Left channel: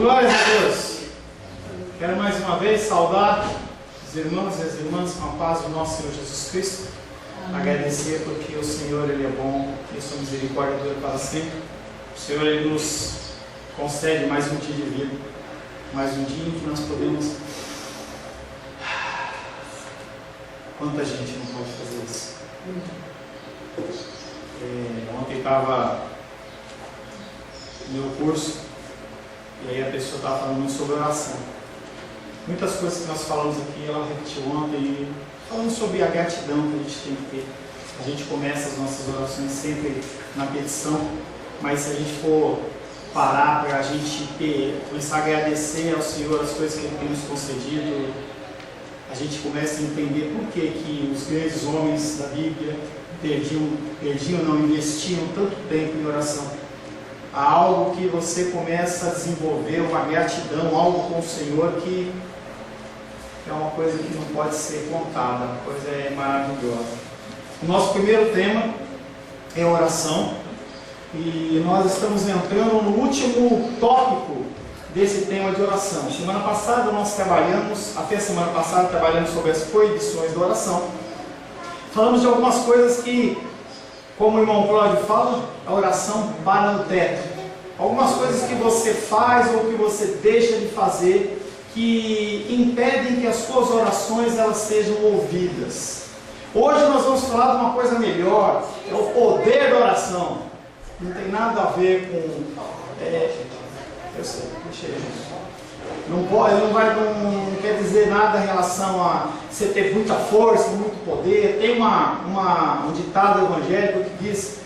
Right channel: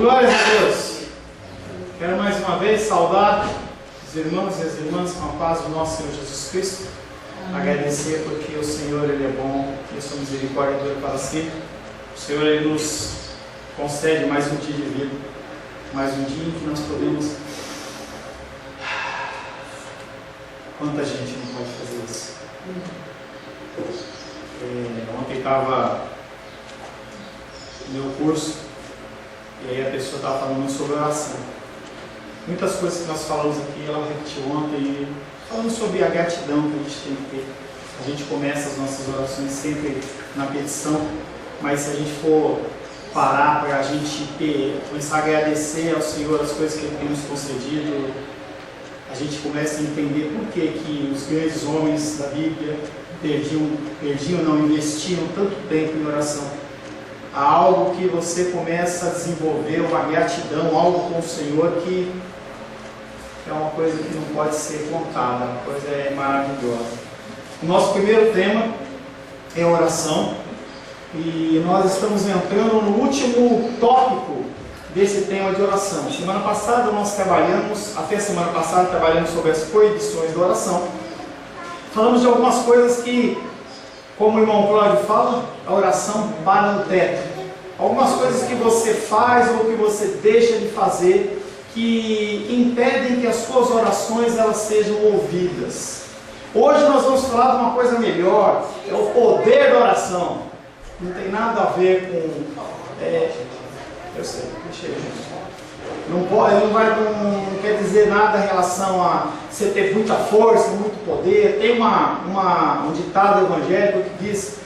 Glórias a Deus. Quero mais uma vez saudar os irmãos e as irmãs com a paz do nosso Senhor Jesus Cristo. Agradecer porque o Senhor Ele é bom e a sua misericórdia dura para sempre. O Senhor Ele nos concede mais um dia de vida, mais um dia em que nós podemos... Quanta gente não pode fazer isso? Ontem estava no meu curso e aí a pessoa estava falando muito sobre oração. Muitas coisas que nós falamos aqui, ela repetiu ontem, falando sobre a gratidão que a gente tem que ter. A gente começa as nossas orações sempre na petição, mas se a gente for parar para a gente começar a agradecer ao Senhor as coisas que Ele tem nos concedido, a gente começa a entender por que os grandes homens da Bíblia investiam tanto tempo em oração. Há algo que você começa a desenvolver, uma gratidão, algo com o Senhor que é uma coisa que não pode ser contada, uma coisa maravilhosa. O nosso primeiro tema é oração e nós estamos entrando no último tópico desse tema de oração. Semana passada nós trabalhamos sobre as proibições da oração. Falamos de algumas coisas que, como o irmão Cláudio fala, a oração para no teto. Algumas coisas que você faz ou que você deixa de fazer que impedem que as suas orações elas sejam ouvidas. Hoje nós vamos falar de uma coisa melhor, é o poder da oração. Não tem nada a ver com... eu sei, deixa eu... Não quer dizer nada em relação a você ter muita força, muito poder. Tem um ditado evangélico que diz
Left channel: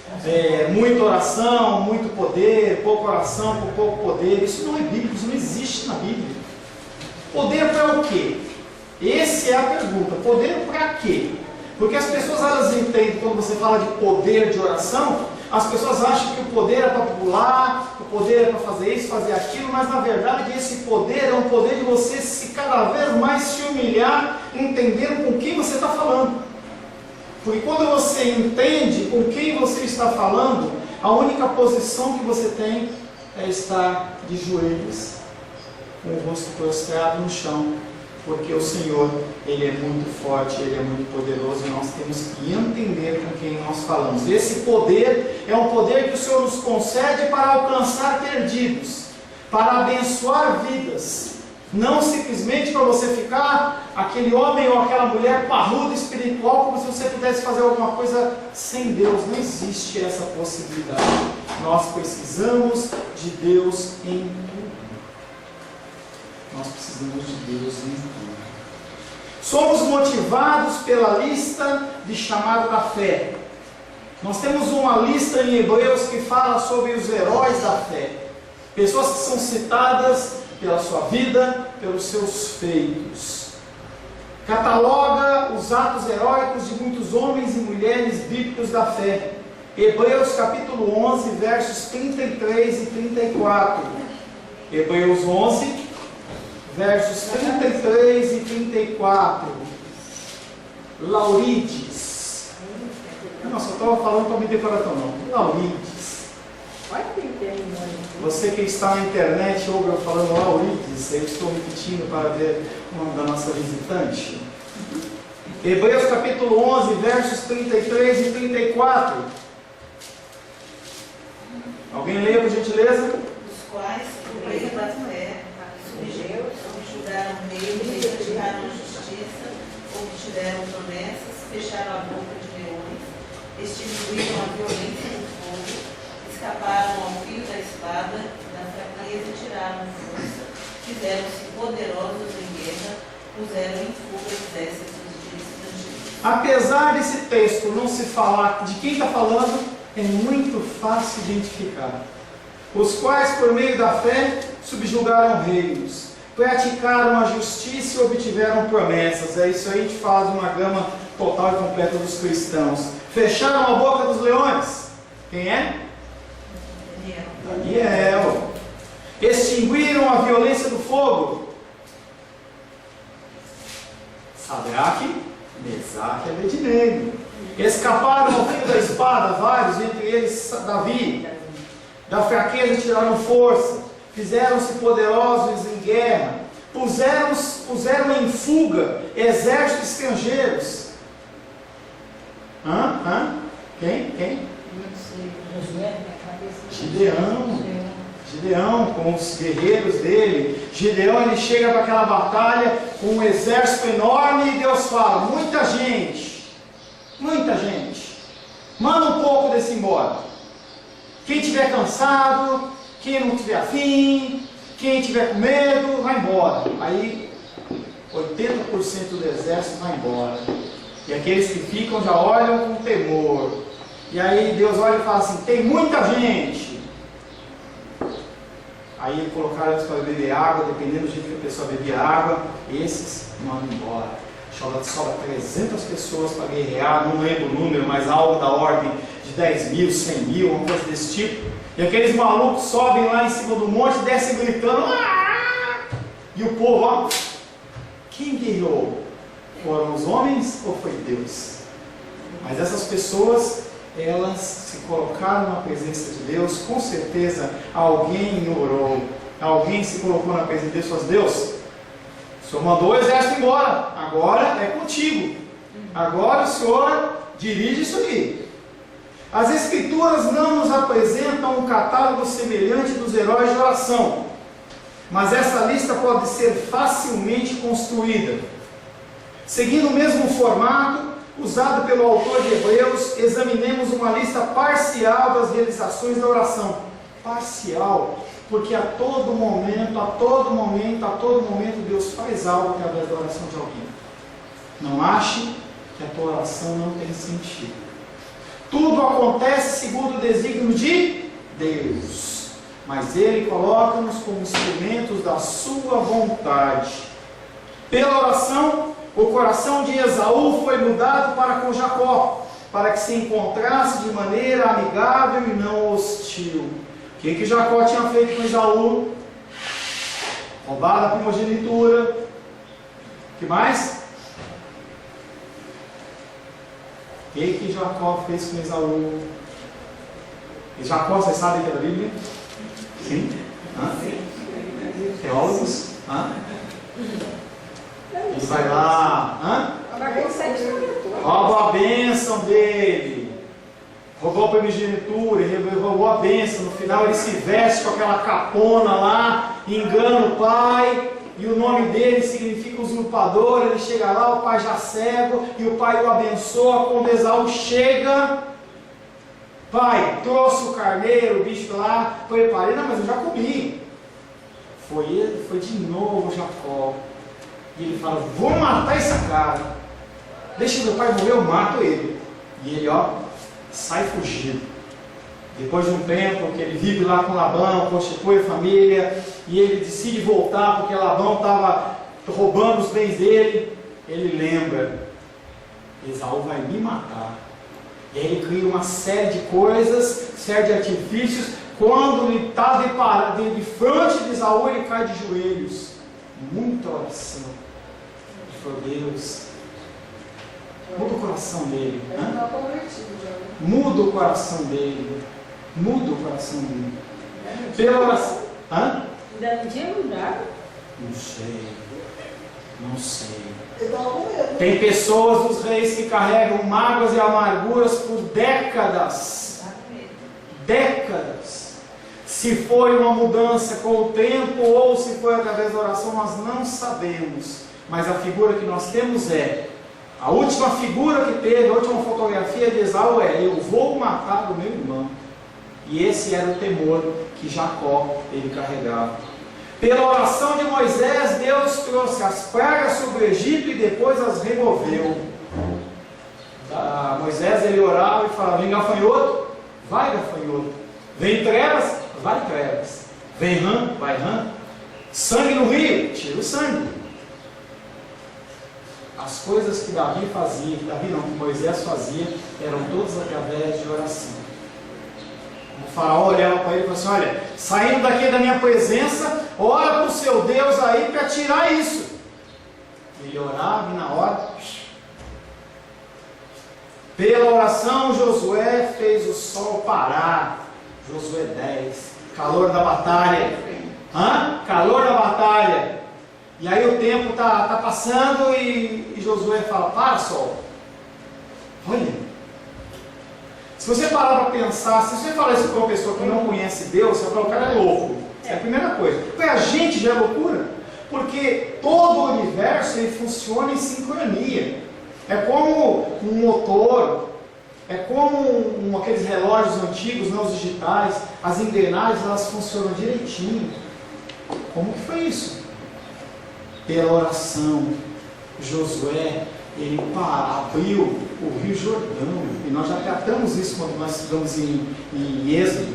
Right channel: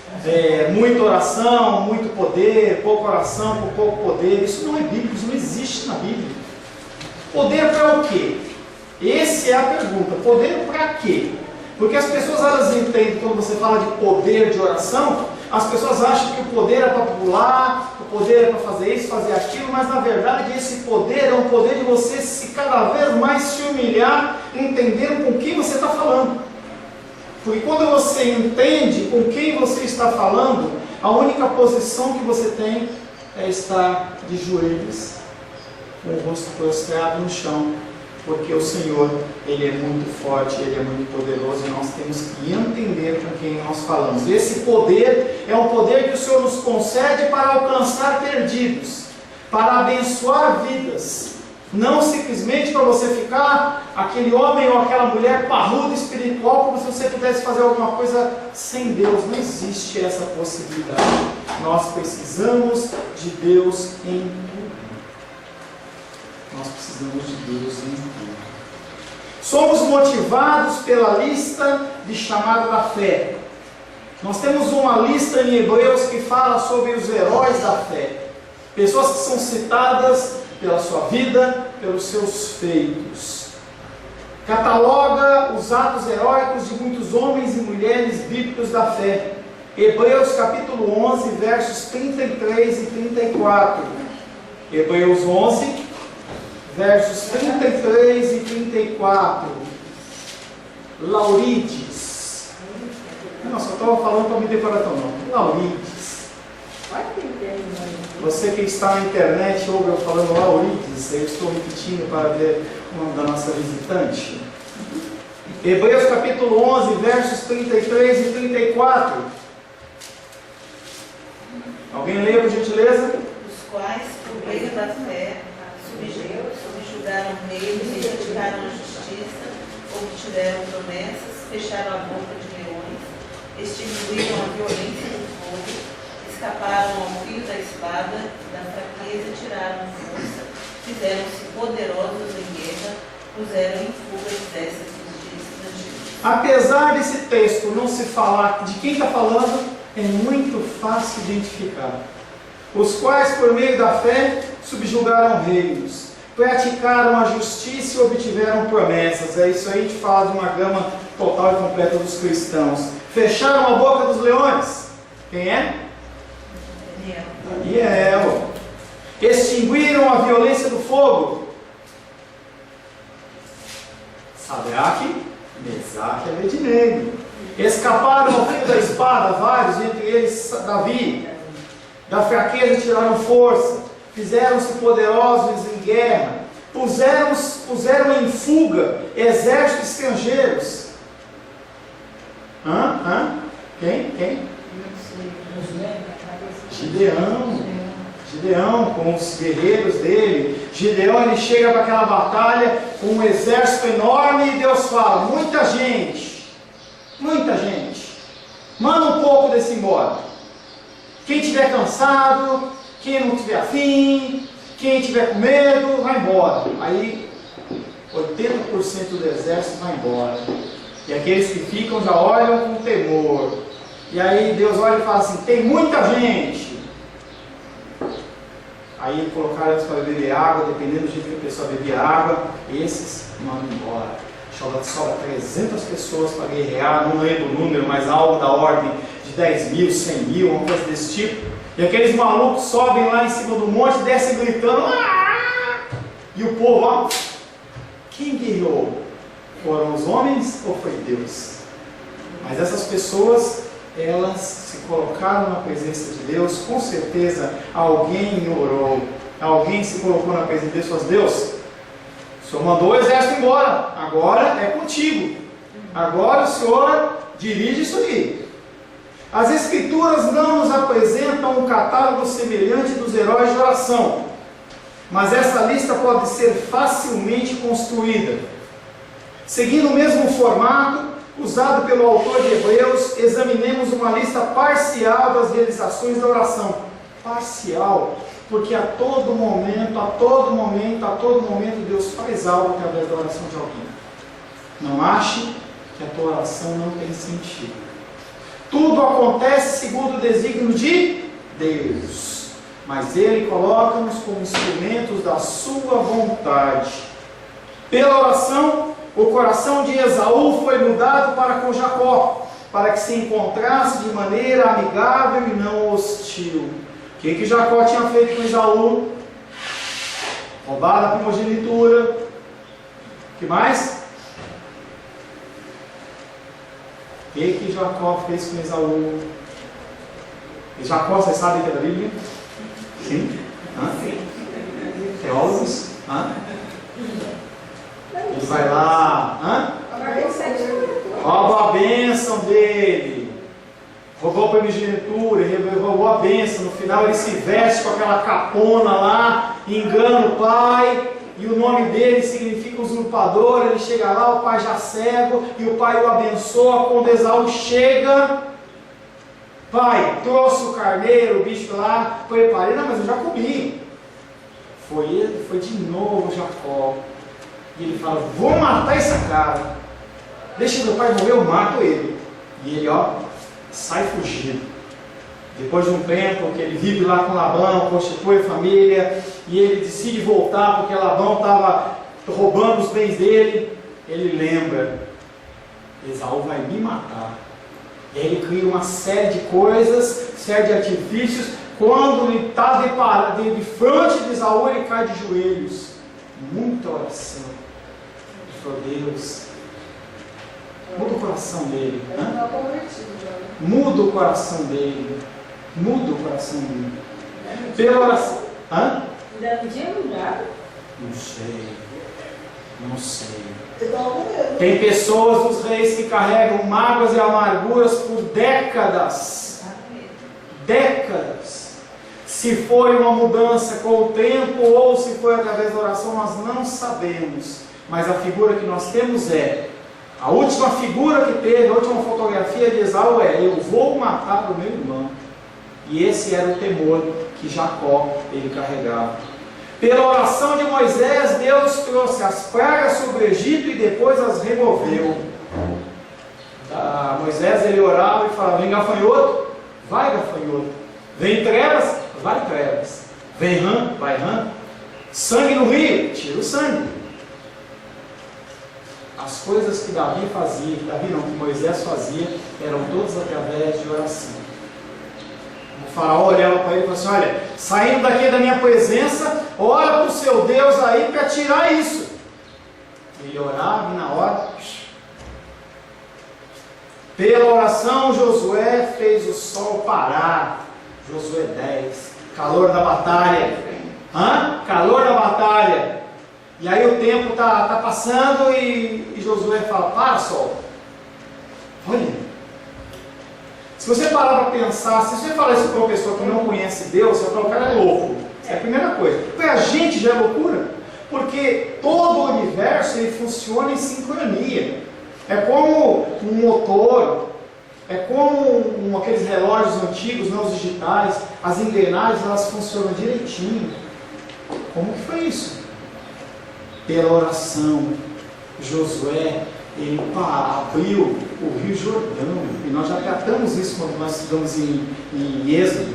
muita oração, muito poder, pouca oração, com pouco poder. Isso não é bíblico, isso não existe na Bíblia. Poder para o quê? Essa é a pergunta. Poder para quê? Porque as pessoas elas entendem, quando você fala de poder de oração, as pessoas acham que o poder é para pular, o poder é para fazer isso, fazer aquilo, mas na verdade esse poder é um poder de você cada vez mais se humilhar, entendendo com quem você está falando. Porque quando você entende com quem você está falando, a única posição que você tem é estar de joelhos, com o rosto prostrado no chão. Porque o Senhor, Ele é muito forte, Ele é muito poderoso e nós temos que entender com quem nós falamos. Esse poder é um poder que o Senhor nos concede para alcançar perdidos, para abençoar vidas. Não simplesmente para você ficar aquele homem ou aquela mulher parruda espiritual, como se você pudesse fazer alguma coisa sem Deus. Não existe essa possibilidade. Nós precisamos de Deus em tudo. Nós precisamos de Deus em tudo. Somos motivados pela lista de chamada da fé. Nós temos uma lista em Hebreus que fala sobre os heróis da fé. Pessoas que são citadas pela sua vida, pelos seus feitos. Cataloga os atos heróicos de muitos homens e mulheres bíblicos da fé. Hebreus capítulo 11, versos 33 e 34. Hebreus 11, versos 33 e 34. Laurides. Nossa, eu estava falando para me decorar tão não. Laurides. Você que está na internet ouve eu falando Laurides, eu estou repetindo para ver o nome da nossa visitante. Hebreus capítulo 11, versos 33 e 34. Alguém lê, por gentileza? Os quais, por meio da fé, subjugaram reis, praticaram a justiça, obtiveram promessas, fecharam a boca de leões, extinguiram a violência do fogo, escaparam ao fio da espada, da fraqueza tiraram força, fizeram-se poderosos em guerra, puseram em fuga exércitos de antigos. Apesar desse texto não se falar de quem está falando, é muito fácil identificar. Os quais, por meio da fé, subjugaram reinos, praticaram a justiça e obtiveram promessas. É isso aí, a gente fala de uma gama total e completa dos cristãos. Fecharam a boca dos leões. Quem é? Daniel. Extinguiram a violência do fogo. Sadraque, Mesaque e Abednego. Escaparam ao fio da espada, vários, entre eles Davi. Da fraqueza tiraram força. fizeram-se poderosos em guerra, puseram em fuga exércitos estrangeiros. Quem? Gideão com os guerreiros dele. Gideão, ele chega para aquela batalha com um exército enorme e Deus fala: muita gente, manda um pouco desse embora. Quem estiver cansado, quem não tiver afim, quem tiver com medo, vai embora. Aí 80% do exército vai embora, e aqueles que ficam já olham com temor. E aí Deus olha e fala assim: tem muita gente. Aí colocaram eles para beber água, dependendo do jeito que a pessoa bebia água, esses mandam embora. Sobra 300 pessoas para guerrear, não lembro o número, mas algo da ordem de 10 mil, 100 mil, uma coisa desse tipo. E aqueles malucos sobem lá em cima do monte, descem gritando. Aaah! E o povo, ó, quem guerreou? Foram os homens ou foi Deus? Mas essas pessoas, elas se colocaram na presença de Deus. Com certeza alguém orou, alguém se colocou na presença de Deus e falou: Deus, o Senhor mandou o exército embora, agora é contigo, agora o Senhor dirige isso aí. As Escrituras não nos apresentam um catálogo semelhante dos heróis de oração, mas essa lista pode ser facilmente construída. Seguindo o mesmo formato usado pelo autor de Hebreus, examinemos uma lista parcial das realizações da oração. Parcial, porque a todo momento Deus faz algo através da oração de alguém. Não ache que a tua oração não tem sentido. Tudo acontece segundo o desígnio de Deus, mas Ele coloca-nos como instrumentos da sua vontade. Pela oração, o coração de Esaú foi mudado para com Jacó, para que se encontrasse de maneira amigável e não hostil. O que Jacó tinha feito com Esaú? Roubado a primogenitura. O que mais? O que Jacó fez com Esaú? E Jacó, vocês sabem que é da Bíblia? Sim? Teólogos? Ele vai lá, rouba a bênção dele, roubou a primogenitura, roubou a bênção. No final ele se veste com aquela capona lá, engana o pai, e o nome dele significa usurpador. Ele chega lá, o pai já cego, e o pai o abençoa. Quando Esaú chega: pai, trouxe o carneiro, o bicho lá, preparei. Não, mas eu já comi. Foi de novo Jacó. E ele fala: vou matar esse cara, deixa meu pai morrer, eu mato ele. E ele, sai fugido. Depois de um tempo que ele vive lá com Labão, constitui família, e ele decide voltar porque Labão estava roubando os bens dele. Ele lembra: Esaú vai me matar. E aí ele cria uma série de coisas, série de artifícios. Quando ele está de frente de Esaú, ele cai de joelhos. Muita oração. Deus, muda o coração dele. Muda o coração dele. Pela oração. Ainda não tinha mudado? Não sei. Tem pessoas dos reis que carregam mágoas e amarguras por décadas. Se foi uma mudança com o tempo ou se foi através da oração, nós não sabemos. Mas a figura que nós temos a última figura que teve, a última fotografia de Esaú eu vou matar o meu irmão. E esse era o temor que Jacó ele carregava. Pela oração de Moisés, Deus trouxe as pragas sobre o Egito e depois as removeu. Moisés ele orava e falava: vem gafanhoto, vai gafanhoto. Vem trevas, vai trevas. Vem rã, vai rã. Sangue no rio, tira o sangue. As coisas que Davi fazia, que Moisés fazia, eram todas através de oração. O faraó olhava para ele e falou assim: olha, saindo daqui da minha presença, ora para o seu Deus aí para tirar isso. Ele orava e na hora, pela oração, Josué fez o sol parar. Josué 10, calor da batalha. Calor da batalha. E aí o tempo está passando e Josué fala: para, sol. Olha, se você parar para pensar, se você falar isso para uma pessoa que não conhece Deus, você vai falar: o cara é louco. Essa é a primeira coisa. Porque a gente já é loucura. Porque todo o universo ele funciona em sincronia. É como um motor, é como aqueles relógios antigos, não os digitais. As engrenagens elas funcionam direitinho. Como que foi isso? Pela oração. Josué, ele abriu o Rio Jordão. E nós já tratamos isso quando nós estudamos em Êxodo,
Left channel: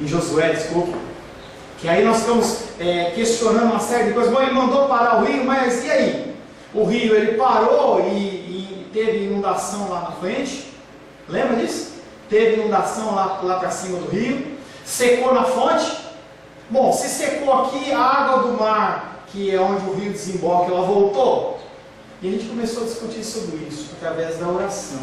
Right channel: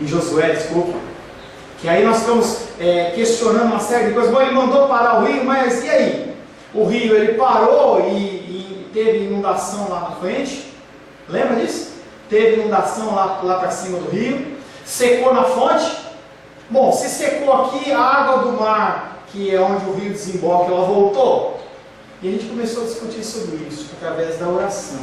em Josué, desculpa. Que aí nós ficamos questionando uma série de coisas. Bom, ele mandou parar o rio, mas e aí? O rio ele parou e teve inundação lá na frente. Lembra disso? Teve inundação lá para cima do rio. Secou na fonte. Bom, se secou aqui, a água do mar, que é onde o rio desemboca, ela voltou. E a gente começou a discutir sobre isso através da oração.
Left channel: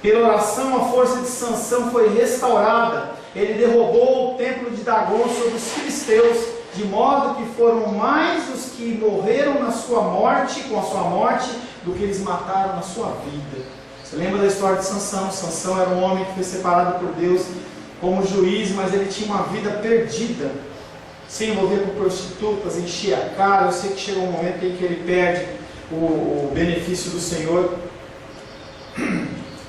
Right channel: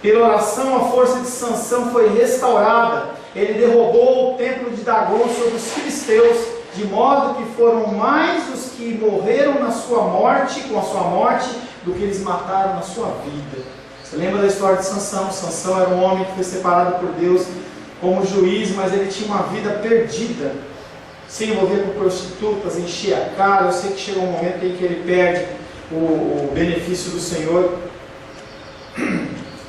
Pela oração, a força de Sansão foi restaurada. Ele derrubou o templo de Dagon sobre os filisteus, de modo que foram mais os que morreram na sua morte, com a sua morte, do que eles mataram na sua vida. Você lembra da história de Sansão? Sansão era um homem que foi separado por Deus como juiz, mas ele tinha uma vida perdida. Se envolver com prostitutas, encher a cara. Eu sei que chega um momento em que ele perde o benefício do Senhor.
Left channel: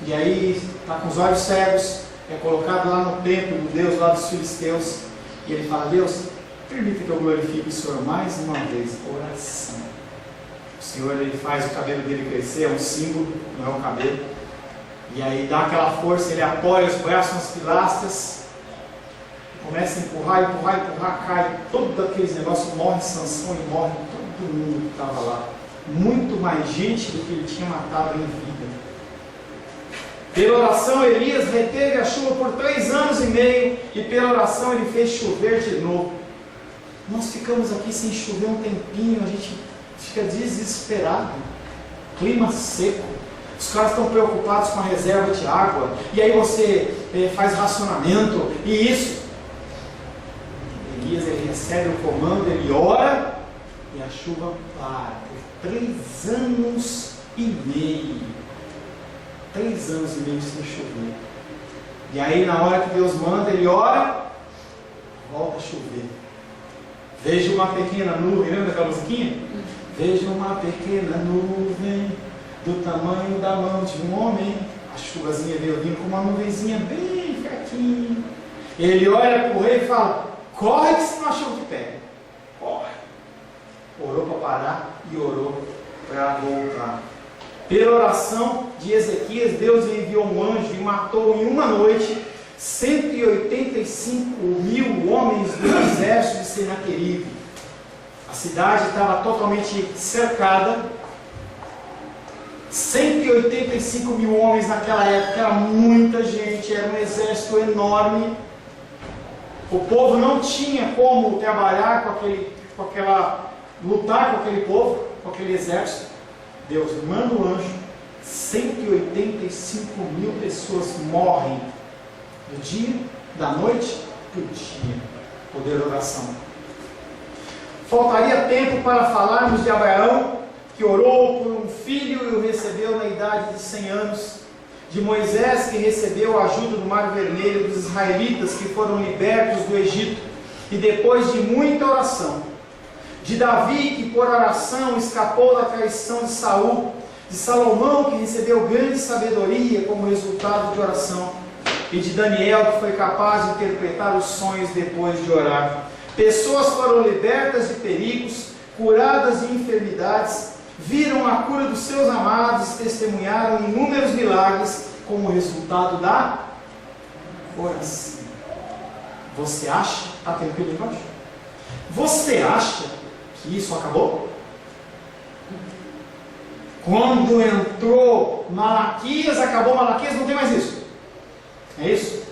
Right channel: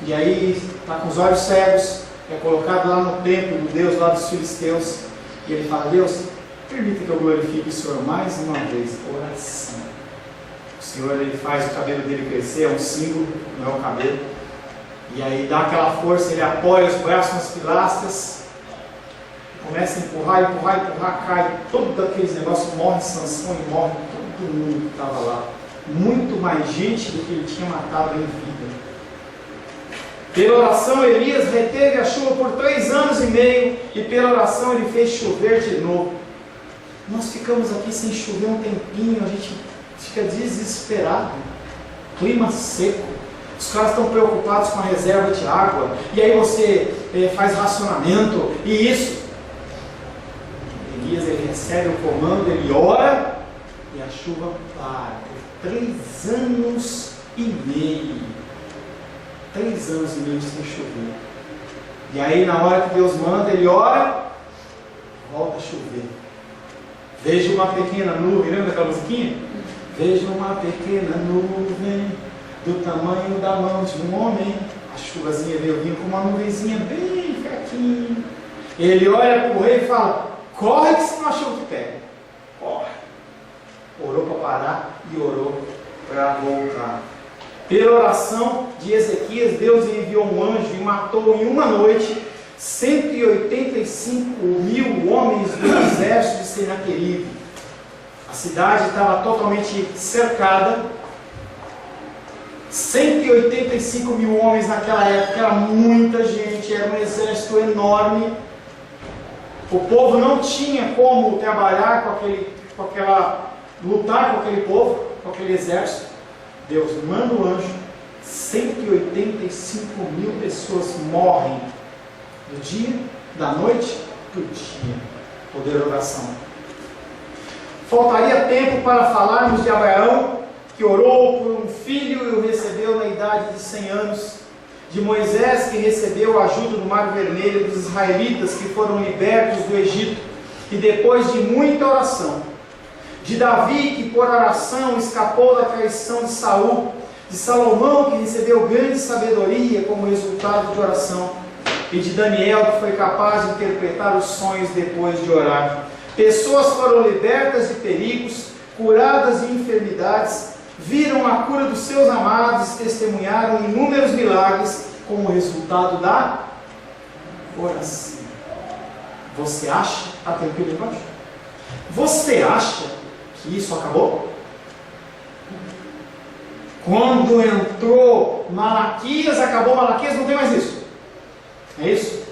E aí está com os olhos cegos, é colocado lá no templo do Deus, lá dos filisteus. E ele fala: Deus, permita que eu glorifique o Senhor mais uma vez. Oração. O Senhor ele faz o cabelo dele crescer, é um símbolo, não é o cabelo. E aí dá aquela força, ele apoia os braços nas pilastras, começa a empurrar, cai todos aqueles negócios, morre Sansão e morre todo mundo que estava lá. Muito mais gente do que ele tinha matado em vida. Pela oração, Elias reteve a chuva por 3 anos e meio, e pela oração ele fez chover de novo. Nós ficamos aqui sem chover um tempinho, a gente fica desesperado. Clima seco, os caras estão preocupados com a reserva de água, e aí você faz racionamento, e isso. Elias ele recebe o comando, ele ora, e a chuva para. Por 3 anos e meio. 3 anos e meio sem chover. E aí na hora que Deus manda, ele ora, volta a chover. Vejo uma pequena nuvem, lembra daquela musiquinha? Vejo uma pequena nuvem do tamanho da mão de um homem. A chuvazinha veio vindo com uma nuvenzinha bem fraquinha. Ele olha para o rei e fala: corre que senão a chuva te pega. Corre. Orou para parar e orou para voltar. Pela oração de Ezequias, Deus enviou um anjo e matou em uma noite 185 mil homens do exército de Senaqueribe. A cidade estava totalmente cercada. 185 mil homens naquela época, era muita gente, era um exército enorme. O povo não tinha como trabalhar lutar com aquele povo, com aquele exército. Deus manda o anjo, 185 mil pessoas morrem do dia, da noite para o dia. Poder da oração. Faltaria tempo para falarmos de Abraão, que orou por um filho e o recebeu na idade de 100 anos. De Moisés, que recebeu a ajuda do Mar Vermelho, dos israelitas que foram libertos do Egito, e depois de muita oração. De Davi, que por oração escapou da traição de Saul, de Salomão, que recebeu grande sabedoria como resultado de oração, e de Daniel, que foi capaz de interpretar os sonhos depois de orar. Pessoas foram libertas de perigos, curadas de enfermidades, viram a cura dos seus amados, testemunharam inúmeros milagres como resultado da oração. Você acha? Está tranquilo embaixo? Você acha que isso acabou? Quando entrou Malaquias, acabou Malaquias, não tem mais isso. É isso?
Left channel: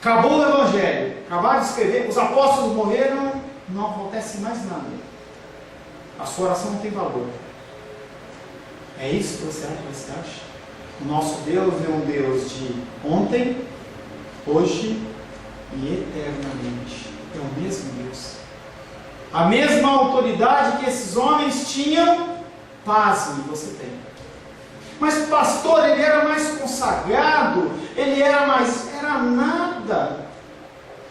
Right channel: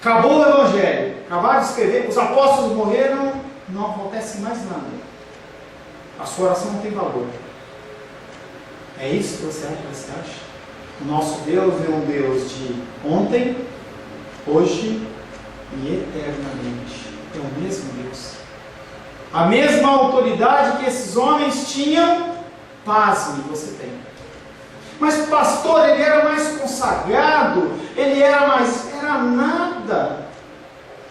Acabou o Evangelho, acabaram de escrever, os apóstolos morreram, não acontece mais nada. A sua oração não tem valor. É isso que você acha? O nosso Deus é um Deus de ontem, hoje e eternamente. É o mesmo Deus. A mesma autoridade que esses homens tinham, pasme, você tem. Mas o pastor, ele era mais consagrado, ele era nada.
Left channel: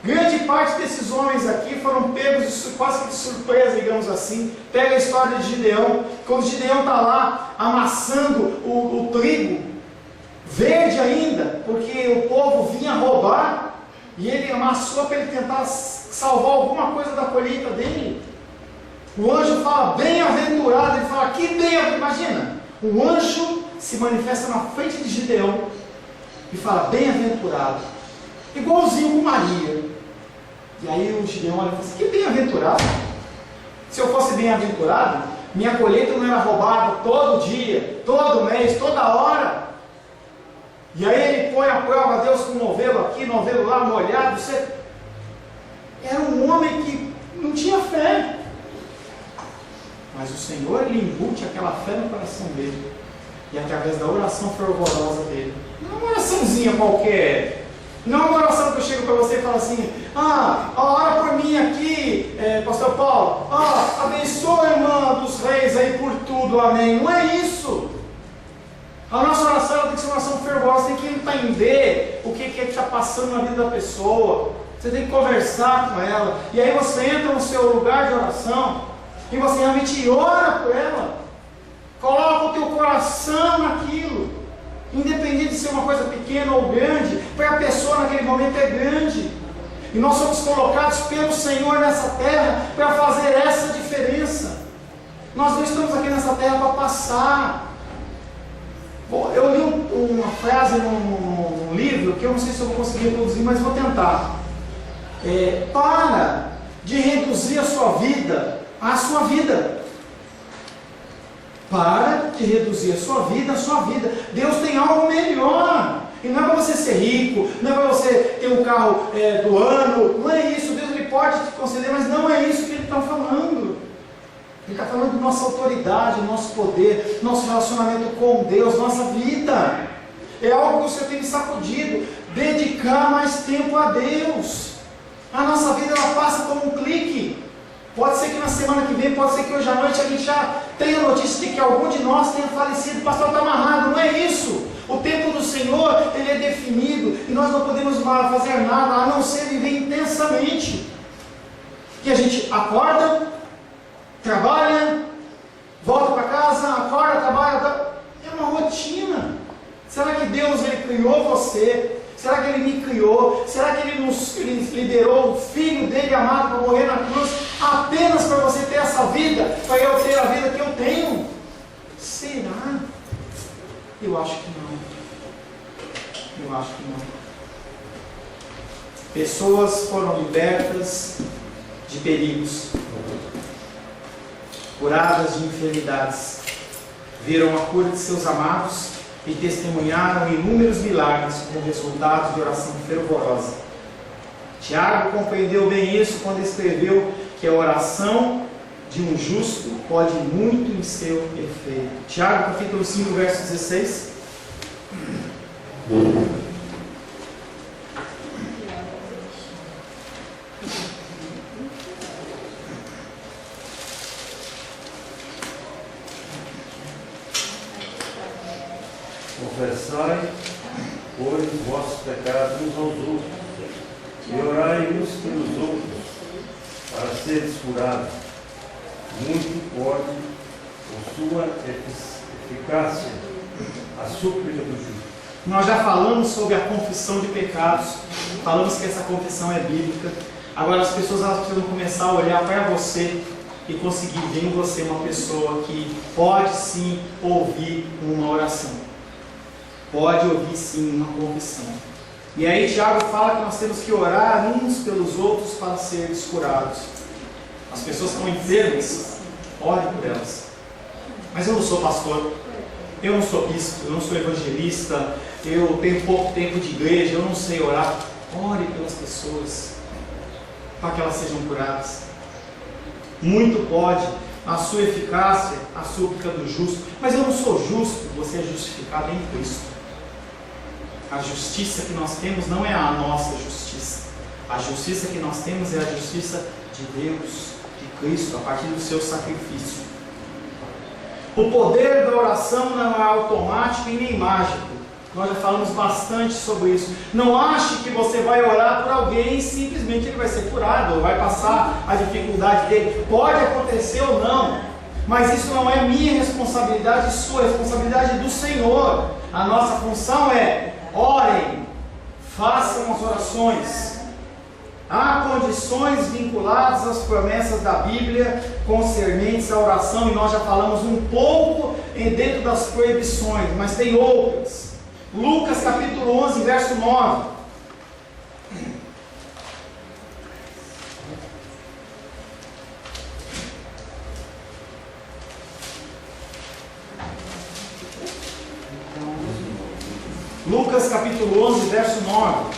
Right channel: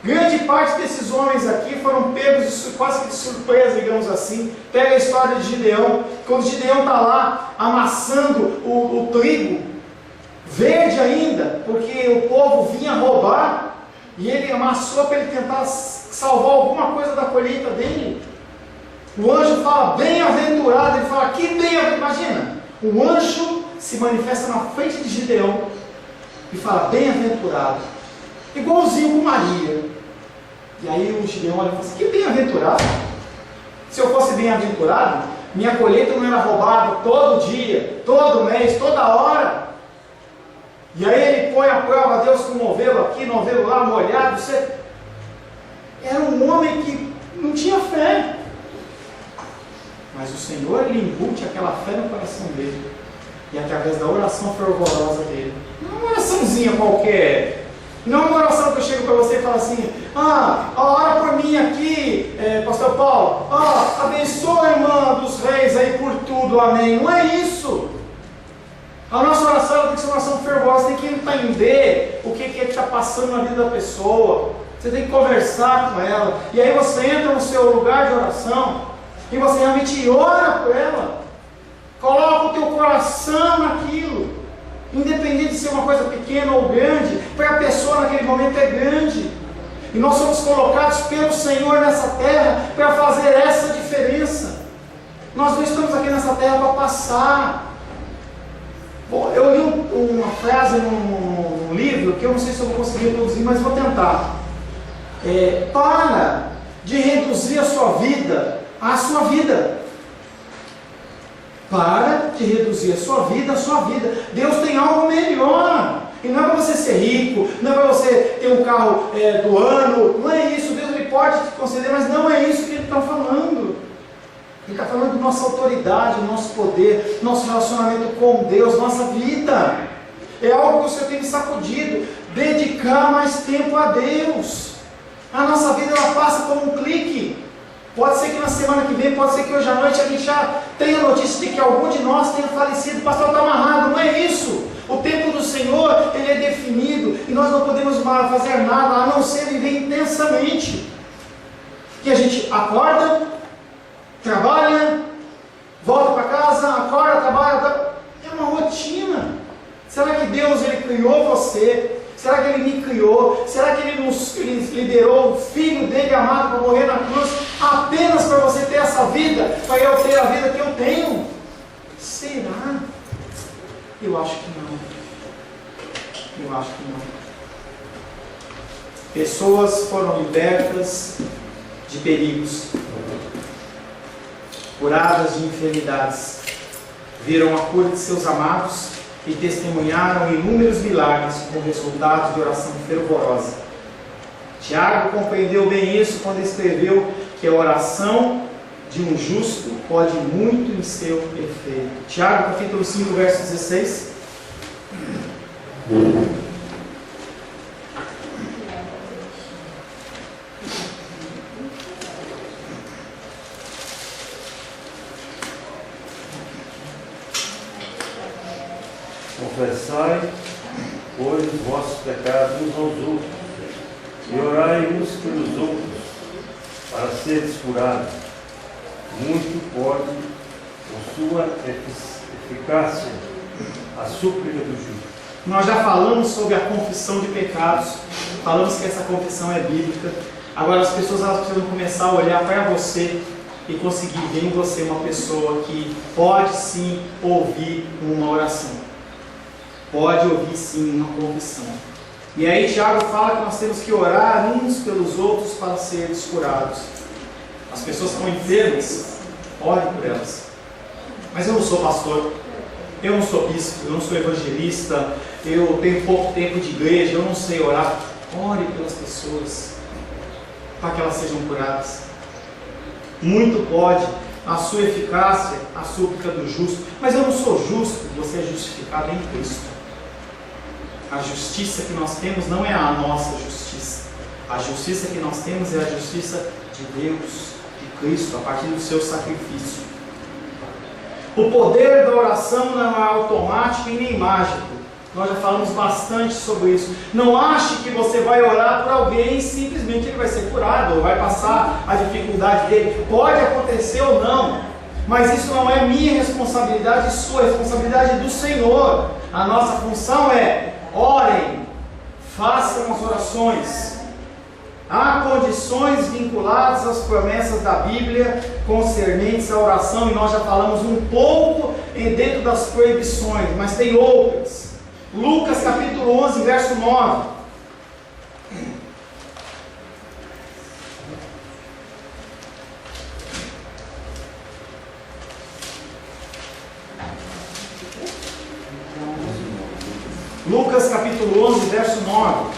Grande parte desses homens aqui foram pegos quase que de surpresa, digamos assim. Pega a história de Gideão. Quando Gideão está lá amassando o trigo, verde ainda, porque o povo vinha roubar, e ele amassou para ele tentar salvar alguma coisa da colheita dele. O anjo fala, bem-aventurado, ele fala, que bem-aventurado, imagina, o anjo se manifesta na frente de Gideão, e fala, bem-aventurado, igualzinho com Maria. E aí o Gideão olha e fala assim, que bem-aventurado, se eu fosse bem-aventurado, minha colheita não era roubada todo dia, todo mês, toda hora. E aí ele põe a prova, Deus com novelo aqui, novelo lá, molhado. Era um homem que não tinha fé. Mas o Senhor, ele embute aquela fé no coração dele. E através da oração fervorosa dele. Não é uma oraçãozinha qualquer. Não é uma oração que eu chego para você e falo assim, ora por mim aqui, pastor Paulo. Abençoa a irmã dos reis aí por tudo, amém. Não é isso. A nossa oração tem que ser uma oração fervorosa, você tem que entender o que é que está passando na vida da pessoa, você tem que conversar com ela, e aí você entra no seu lugar de oração, e você realmente ora por ela, coloca o teu coração naquilo, independente de ser uma coisa pequena ou grande, para a pessoa naquele momento é grande, e nós somos colocados pelo Senhor nessa terra, para fazer essa diferença. Nós não estamos aqui nessa terra para passar. Bom, eu li uma frase num livro, que eu não sei se eu vou conseguir produzir, mas vou tentar. Para de reduzir a sua vida à sua vida. Para de reduzir a sua vida à sua vida. Deus tem algo melhor. E não é para você ser rico, não é para você ter um carro do ano, não é isso. Deus, ele pode te conceder, mas não é isso que ele está falando. Ele está falando de nossa autoridade, nosso poder, nosso relacionamento com Deus, nossa vida. É algo que você tem sacudido. Dedicar mais tempo a Deus. A nossa vida, ela passa como um clique. Pode ser que na semana que vem, pode ser que hoje à noite a gente já tenha notícia de que algum de nós tenha falecido. O pastor está amarrado, não é isso. O tempo do Senhor, ele é definido. E nós não podemos fazer nada a não ser viver intensamente. Que a gente acorda, trabalha, volta para casa, acorda, trabalha, é uma rotina. Será que Deus, ele criou você? Será que ele me criou? Será que ele nos liderou o Filho dele amado para morrer na cruz apenas para você ter essa vida, para eu ter a vida que eu tenho? Será? Eu acho que não. Eu acho que não. Pessoas foram libertas de perigos, curadas de enfermidades, viram a cura de seus amados e testemunharam inúmeros milagres como resultado de oração fervorosa. Tiago compreendeu bem isso quando escreveu que a oração de um justo pode muito em seu efeito. Tiago capítulo 5, verso 16. Confessai, pois, os vossos pecados uns aos outros, e orai uns pelos outros, para seres curados. Muito pode, com sua eficácia, a súplica do justo. Nós já falamos sobre a confissão de pecados, falamos que essa confissão é bíblica. Agora as pessoas, elas precisam começar a olhar para você e conseguir ver em você uma pessoa que pode sim ouvir uma oração. Pode ouvir sim uma confissão. E aí Tiago fala que nós temos que orar uns pelos outros para serem curados. As pessoas que estão enfermas, orem por elas. Mas eu não sou pastor, eu não sou bispo, eu não sou evangelista, eu tenho pouco tempo de igreja, eu não sei orar. Ore pelas pessoas, para que elas sejam curadas. Muito pode, a sua eficácia, a súplica do justo. Mas eu não sou justo, você é justificado em Cristo. A justiça que nós temos não é a nossa justiça. A justiça que nós temos é a justiça de Deus, de Cristo, a partir do seu sacrifício. O poder da oração não é automático e nem mágico. Nós já falamos bastante sobre isso. Não ache que você vai orar por alguém e simplesmente ele vai ser curado, ou vai passar a dificuldade dele. Pode acontecer ou não, mas isso não é minha responsabilidade, sua responsabilidade do Senhor. A nossa função é: orem, façam as orações. Há condições vinculadas às promessas da Bíblia concernentes à oração, e nós já falamos um pouco dentro das proibições, mas tem outras. Lucas capítulo 11, verso 9. Lucas capítulo 11, verso 9.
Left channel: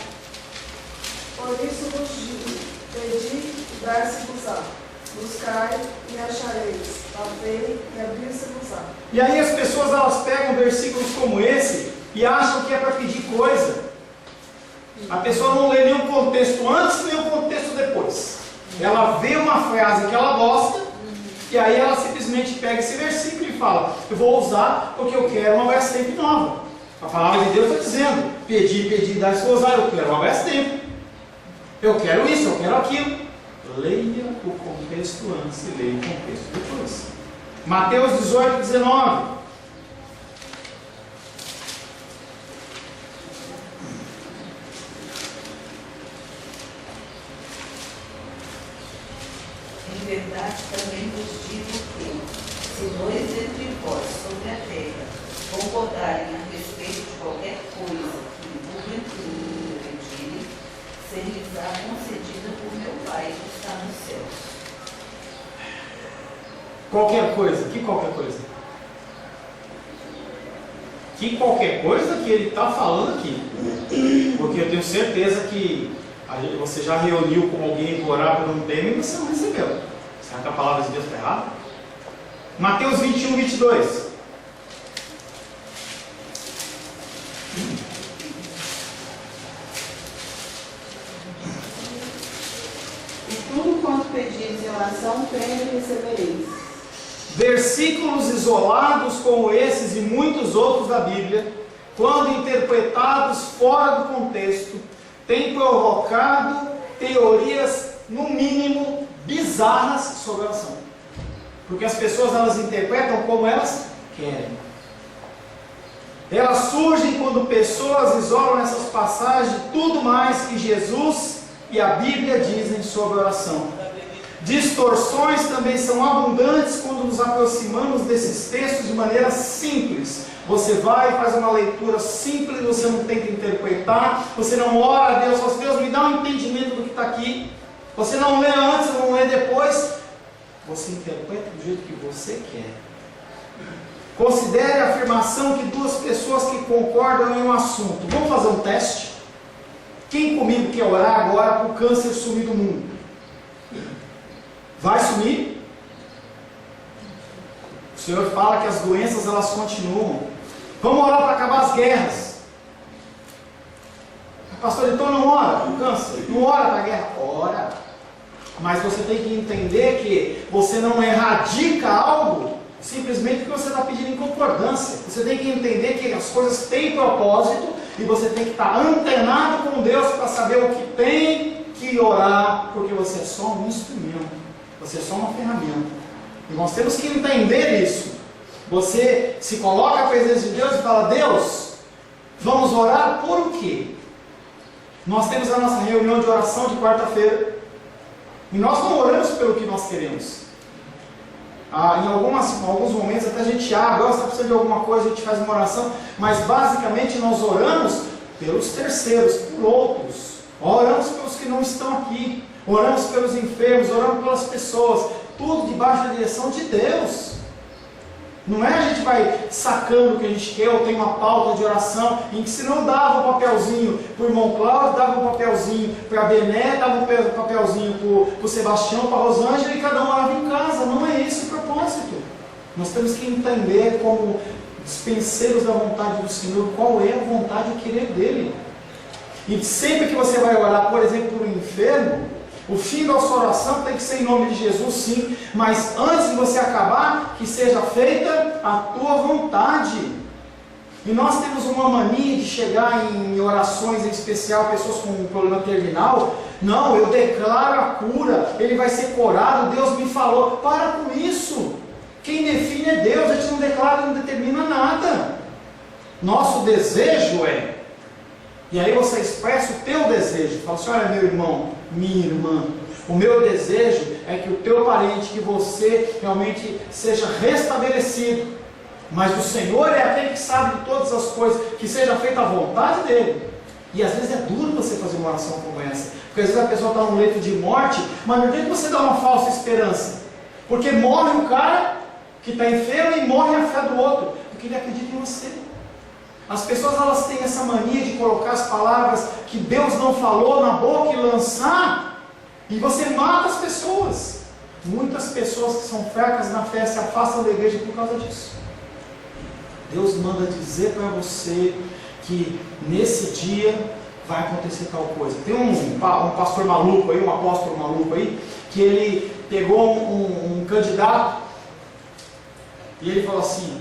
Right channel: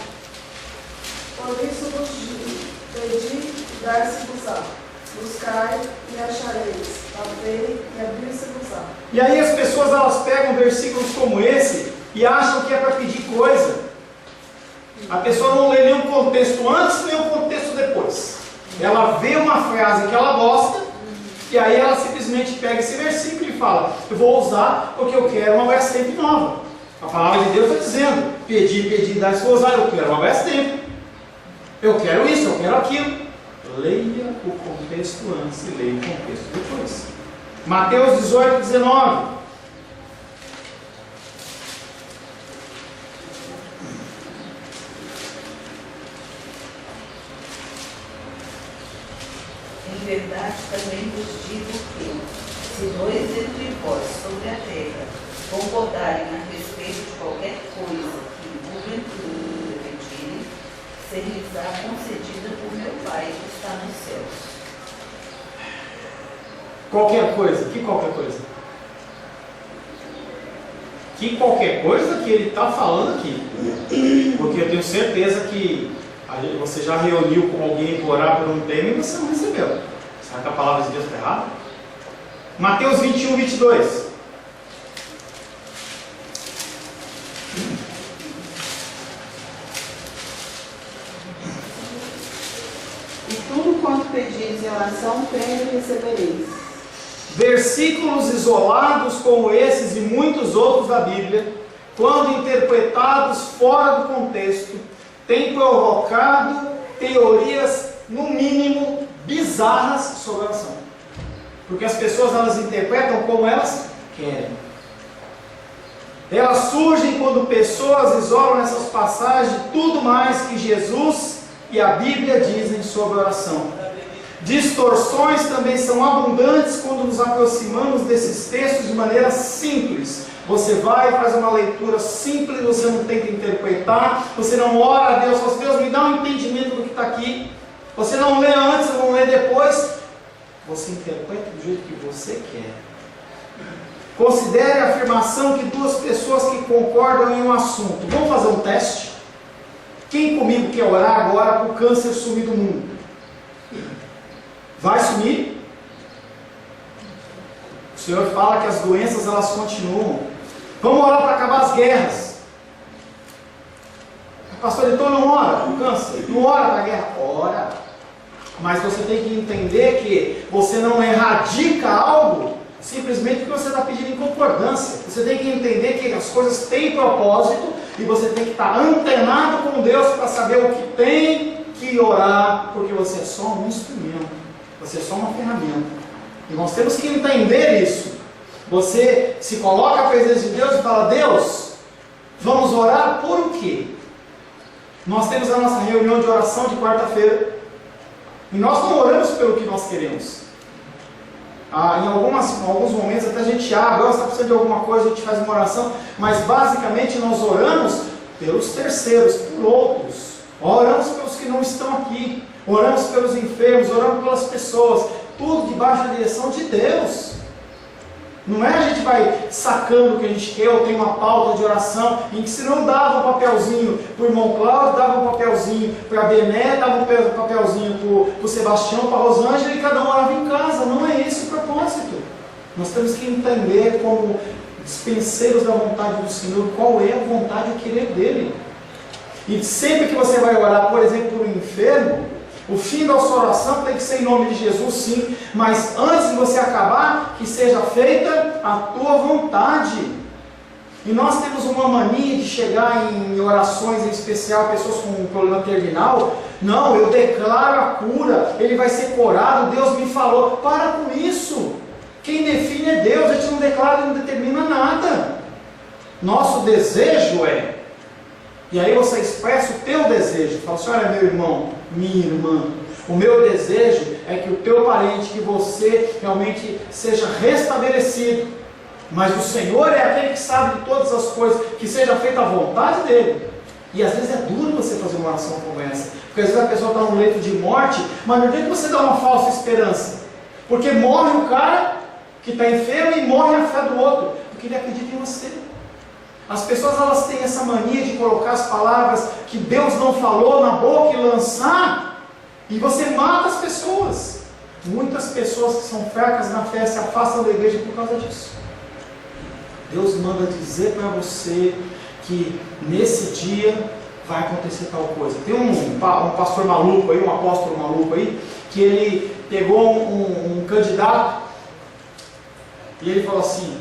Por isso vos digo, pedi e dar-se-vos-á, buscai e achareis, batei e abrir-se-vos-á. E aí as pessoas elas pegam versículos como esse e acham que é para pedir coisa. A pessoa não lê nenhum contexto antes, nem o contexto depois. Ela vê uma frase que ela gosta, e aí ela simplesmente pega esse versículo e fala: eu vou usar porque eu quero uma Brastemp nova. A palavra de Deus está dizendo: pedi, dar-se-vos-á, eu quero uma Brastemp. Eu quero isso, eu quero aquilo. Leia o contexto antes e leia o contexto depois. Mateus 18, 19. Em verdade também vos digo que, se dois entre vós sobre a terra concordarem a respeito de qualquer coisa que porventura pedirem, ser-lhes-á concedida por meu Pai que está nos céus. Qualquer coisa, que qualquer coisa? Que qualquer coisa que ele está falando aqui. Porque eu tenho certeza que você já reuniu com alguém para orar por um tema e você não recebeu. Será que a palavra de Deus está errada? Mateus 21, 22. E tudo quanto pedis em oração, crendo e recebereis. Versículos isolados como esses e muitos outros da Bíblia, quando interpretados fora do contexto, têm provocado teorias, no mínimo, bizarras sobre a oração. Porque as pessoas elas interpretam como elas querem. Elas surgem quando pessoas isolam nessas passagens tudo mais que Jesus e a Bíblia dizem sobre a oração. Distorções também são abundantes quando nos aproximamos desses textos de maneira simples. Você vai e faz uma leitura simples, você não tenta interpretar, você não ora a Deus, fala: Deus, me dá um entendimento do que está aqui. Você não lê antes, não lê depois. Você interpreta do jeito que você quer. Considere a afirmação que duas pessoas que concordam em um assunto. Vamos fazer um teste? Quem comigo quer orar agora para o câncer sumir do mundo? Vai sumir? O Senhor fala que as doenças elas continuam. Vamos orar para acabar as guerras. Pastor, então não ora para o câncer? Não ora para a guerra? Ora. Mas você tem que entender que você não erradica algo simplesmente porque você está pedindo em concordância. Você tem que entender que as coisas têm propósito e você tem que estar antenado com Deus para saber o que tem que orar, porque você é só um instrumento, você é só uma ferramenta. E nós temos que entender isso. Você se coloca à presença de Deus e fala: Deus, vamos orar por o quê? Nós temos a nossa reunião de oração de quarta-feira e nós não oramos pelo que nós queremos. Em alguns momentos até a gente abre, você está precisando de alguma coisa, a gente faz uma oração, mas basicamente nós oramos pelos terceiros, por outros. Oramos pelos que não estão aqui, oramos pelos enfermos, oramos pelas pessoas, tudo debaixo da direção de Deus. Não é a gente vai sacando o que a gente quer, ou tem uma pauta de oração, em que se não dava um papelzinho para o irmão Cláudio, dava um papelzinho para a Bené, dava um papelzinho para o Sebastião, para a Rosângela, e cada um orava em casa. Não é esse o propósito. Nós temos que entender, como dispenseiros da vontade do Senhor, qual é a vontade e o querer dele. E sempre que você vai orar, por exemplo, por um enfermo, O fim da sua oração tem que ser em nome de Jesus, sim, mas antes de você acabar, que seja feita a tua vontade. E nós temos uma mania de chegar em orações, em especial pessoas com um problema terminal. Não, eu declaro a cura, ele vai ser curado, Deus me falou. Para com isso. Quem define é Deus, a gente não declara, não determina nada. Nosso desejo é, e aí você expressa o teu desejo, fala assim: olha, meu irmão, minha irmã, o meu desejo é que o teu parente, que você realmente seja restabelecido. Mas o Senhor é aquele que sabe de todas as coisas, que seja feita a vontade dele. E às vezes é duro você fazer uma oração como essa, porque às vezes a pessoa está num leito de morte, mas não tem que você dar uma falsa esperança, porque morre o cara que está enfermo e morre a fé do outro, porque ele acredita em você. As pessoas, elas têm essa mania de colocar as palavras que Deus não falou na boca e lançar, e você mata as pessoas. Muitas pessoas que são fracas na fé se afastam da igreja por causa disso. Deus manda dizer para você que nesse dia vai acontecer tal coisa. Tem um pastor maluco aí, um apóstolo maluco aí, que ele pegou um candidato e ele falou assim:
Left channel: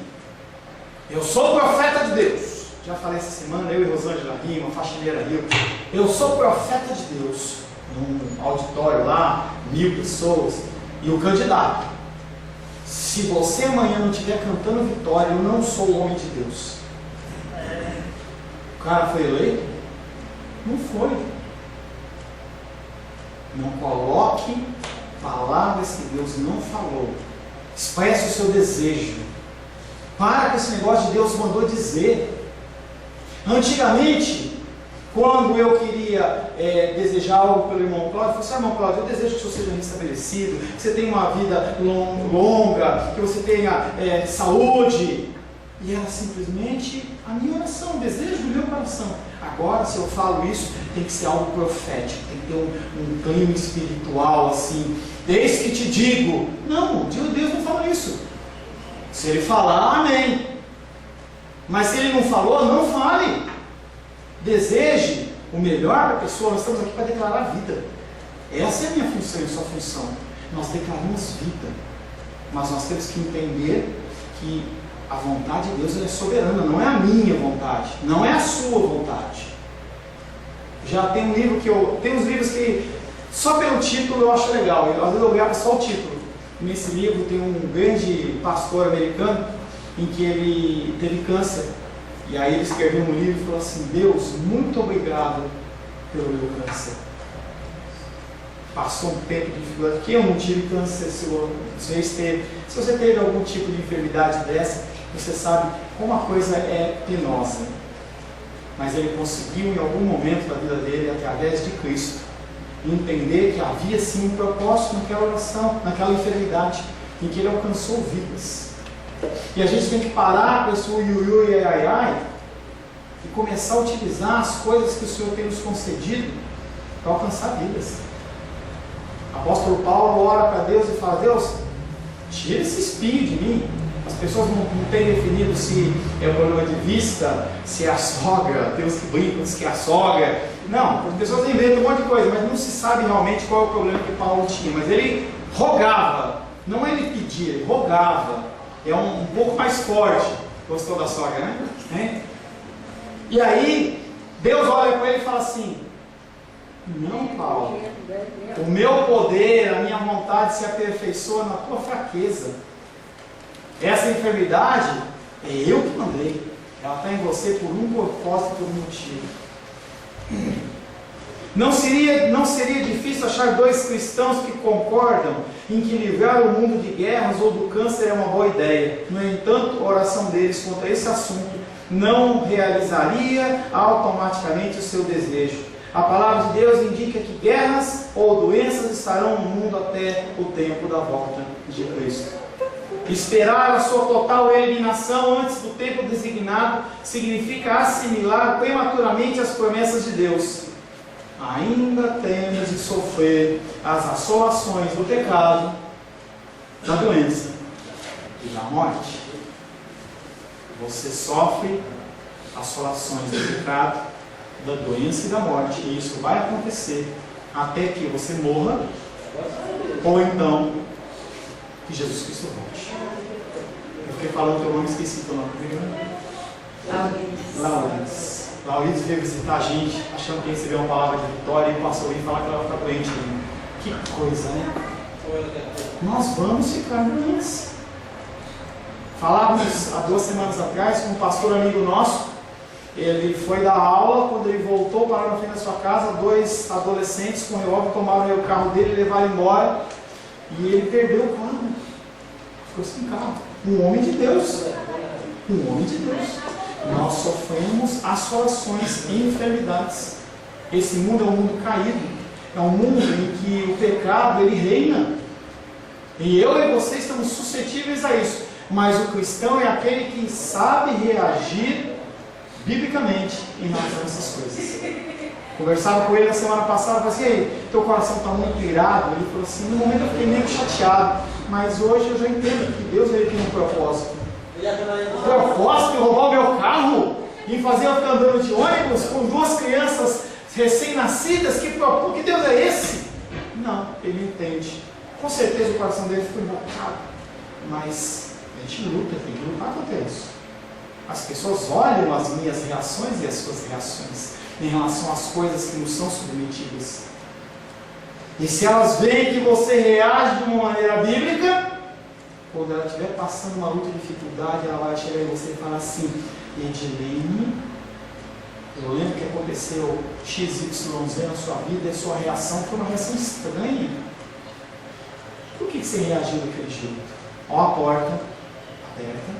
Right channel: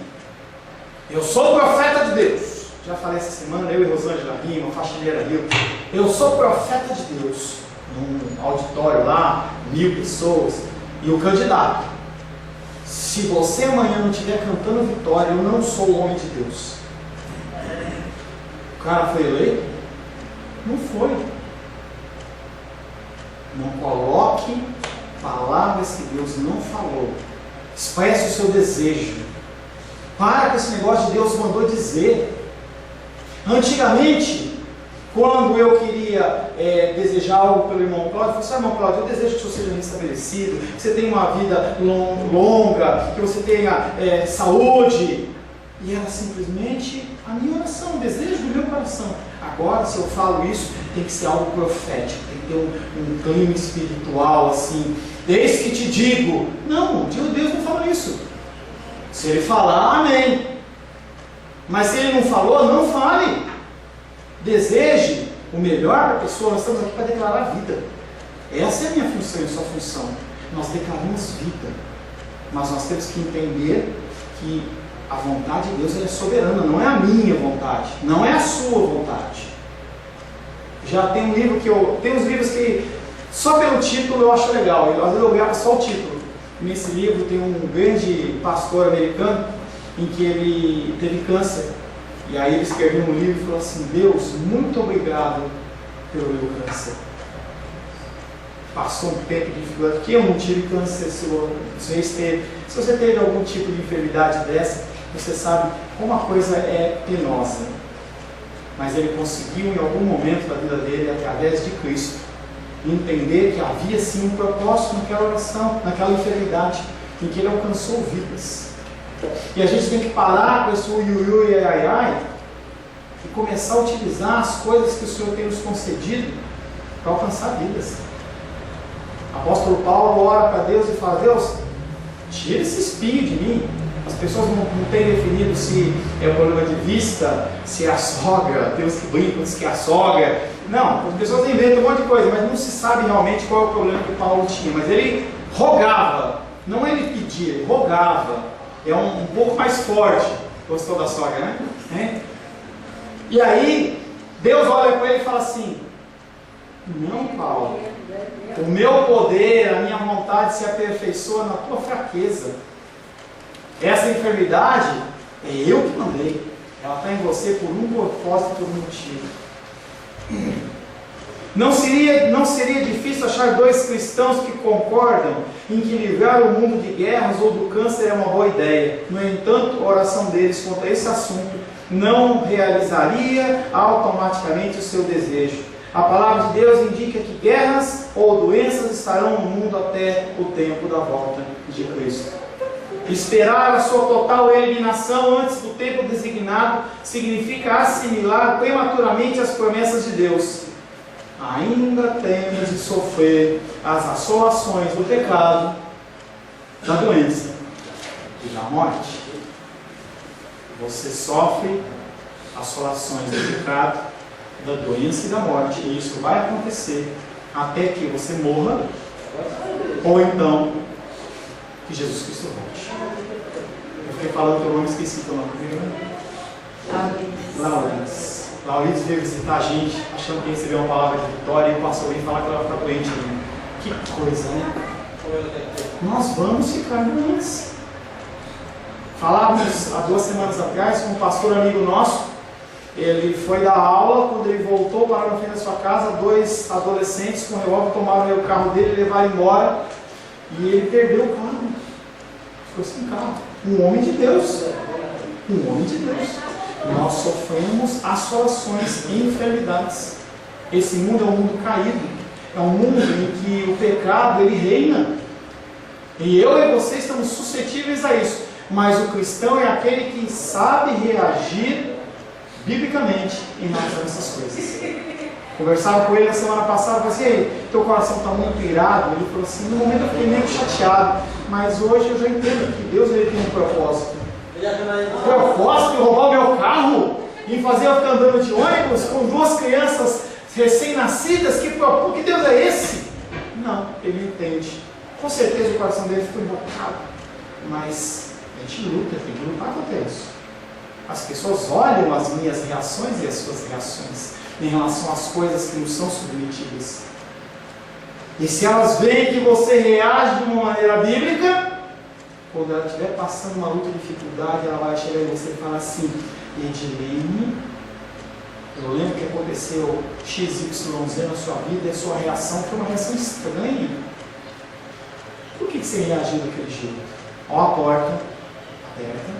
eu sou profeta de Deus. Já falei essa semana, eu e Rosângela Rima, faxineira Rio. Eu sou profeta de Deus. Num auditório lá, 1000 pessoas. E o candidato: se você amanhã não estiver cantando vitória, eu não sou o homem de Deus. O cara foi eleito? Não foi. Não coloque palavras que Deus não falou. Expresse o seu desejo. Para com esse negócio de Deus mandou dizer. Antigamente, quando eu queria desejar algo pelo irmão Cláudio, eu falei assim: irmão Cláudio, eu desejo que o senhor seja restabelecido, que você tenha uma vida longa, que você tenha saúde. E era simplesmente a minha oração, o desejo do meu coração. Agora, se eu falo isso, tem que ser algo profético, tem que ter um clima espiritual assim. Eis que te digo. Não, Deus não fala isso. Se ele falar, amém. Mas se ele não falou, não fale. Deseje o melhor para a pessoa. Nós estamos aqui para declarar vida. Essa é a minha função e a sua função. Nós declaramos vida. Mas nós temos que entender que a vontade de Deus é soberana. Não é a minha vontade. Não é a sua vontade. Já tem um livro tem uns livros que só pelo título eu acho legal. Às vezes eu gravo só o título. Nesse livro tem um grande pastor americano em que ele teve câncer. E aí ele escreveu um livro e falou assim: Deus, muito obrigado pelo meu câncer. Passou um tempo de dificuldade, que eu não tive câncer, se você teve algum tipo de enfermidade dessa, você sabe como a coisa é penosa. Mas ele conseguiu em algum momento da vida dele, através de Cristo, entender que havia sim um propósito naquela oração, naquela enfermidade, em que ele alcançou vidas. E a gente tem que parar com esse uiuiui e ai e começar a utilizar as coisas que o Senhor tem nos concedido para alcançar vidas. O apóstolo Paulo ora para Deus e fala: Deus, tira esse espinho de mim. As pessoas não têm definido se é o problema de vista, se é a sogra. Tem uns que brincam, diz que é a sogra. Não, as pessoas inventam um monte de coisa, mas não se sabe realmente qual é o problema que Paulo tinha. Mas ele rogava, não ele pedia, ele rogava. É um pouco mais forte. Gostou da sogra, né? E aí, Deus olha para ele e fala assim: não, Paulo, o meu poder, a minha vontade se aperfeiçoa na tua fraqueza. Essa enfermidade é eu que mandei. Ela está em você por um propósito, por um motivo. Não seria difícil achar dois cristãos que concordam em que livrar o mundo de guerras ou do câncer é uma boa ideia. No entanto, a oração deles quanto a esse assunto não realizaria automaticamente o seu desejo. A palavra de Deus indica que guerras ou doenças estarão no mundo até o tempo da volta de Cristo. Esperar a sua total eliminação antes do tempo designado significa assimilar prematuramente as promessas de Deus. Ainda temos de sofrer as assolações do pecado, da doença e da morte. Você sofre assolações do pecado, da doença e da morte, e isso vai acontecer até que você morra, ou então que Jesus Cristo volte. Eu fiquei falando teu nome e esqueci teu nome. Laurides veio visitar a gente, achando que recebeu uma palavra de vitória, e o pastor veio falar que ela vai ficar doente. Né? Que coisa, né? Nós vamos ficar doentes. Falávamos há 2 semanas atrás com um pastor amigo nosso. Ele foi dar aula, quando ele voltou para no fim da sua casa, 2 adolescentes com revólver tomaram o carro dele e levaram embora. E ele perdeu o carro. Ficou sem carro. Um homem de Deus. Um homem de Deus. Nós sofremos assolações e enfermidades. Esse mundo é um mundo caído. É um mundo em que o pecado ele reina. E eu e você estamos suscetíveis a isso. Mas o cristão é aquele que sabe reagir biblicamente em relação a essas coisas. Conversava com ele na semana passada, falei assim, ei, teu coração está muito irado. Ele falou assim, no momento eu fiquei meio chateado, mas hoje eu já entendo que Deus ele tem um propósito. O propósito de roubar o meu carro e fazer eu ficar andando de ônibus com 2 crianças recém-nascidas, que Deus é esse? Não, ele entende. Com certeza o coração dele ficou invocado, mas a gente luta, tem que lutar contra isso. As pessoas olham as minhas reações e as suas reações em relação às coisas que nos são submetidas. E se elas veem que você reage de uma maneira bíblica, quando ela estiver passando uma luta de dificuldade, ela vai chegar em você e falar assim, Edilene, eu lembro que aconteceu XYZ na sua vida e a sua reação foi uma reação estranha. Por que você reagiu daquele jeito? Ó a porta aberta.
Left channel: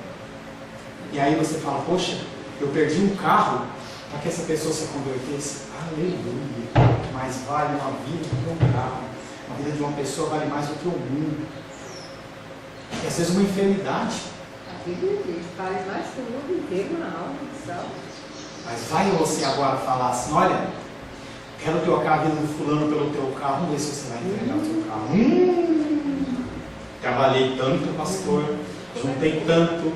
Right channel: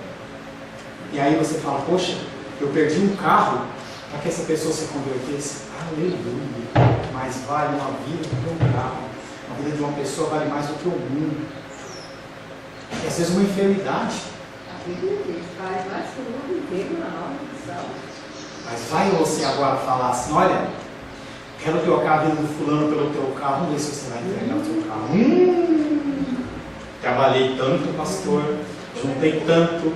E aí você fala, poxa, eu perdi um carro para que essa pessoa se convertesse. Aleluia! Mas vale uma vida do que um carro. A vida de uma pessoa vale mais do que o mundo. E às vezes uma enfermidade. A vida dele vale mais que o mundo inteiro na alma de salvo. Mas vai você agora falar assim, olha, quero trocar a vida do fulano pelo teu carro, vamos ver se você vai entregar o teu carro. Trabalhei tanto, pastor, juntei tanto,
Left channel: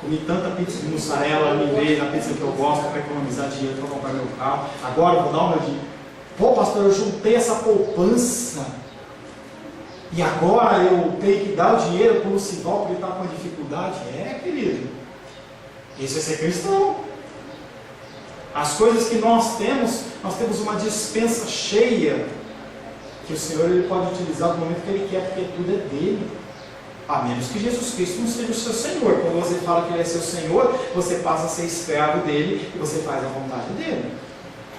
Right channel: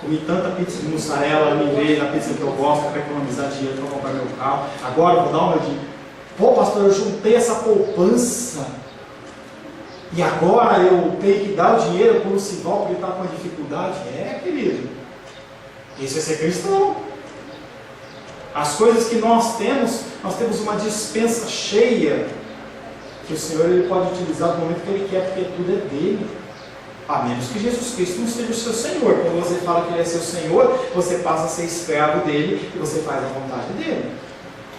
comi tanta pizza de mussarela, me veio na pizza que eu gosto para economizar dinheiro para comprar meu carro. Agora eu vou dar o meu dinheiro. Pô, pastor, eu juntei essa poupança e agora eu tenho que dar o dinheiro para o Lucival porque ele está com uma dificuldade. É, querido, isso é ser cristão. As coisas que nós temos uma dispensa cheia que o Senhor ele pode utilizar no momento que Ele quer, porque tudo é dele. A menos que Jesus Cristo não seja o seu Senhor. Quando você fala que Ele é seu Senhor, você passa a ser escravo dele e você faz a vontade dele.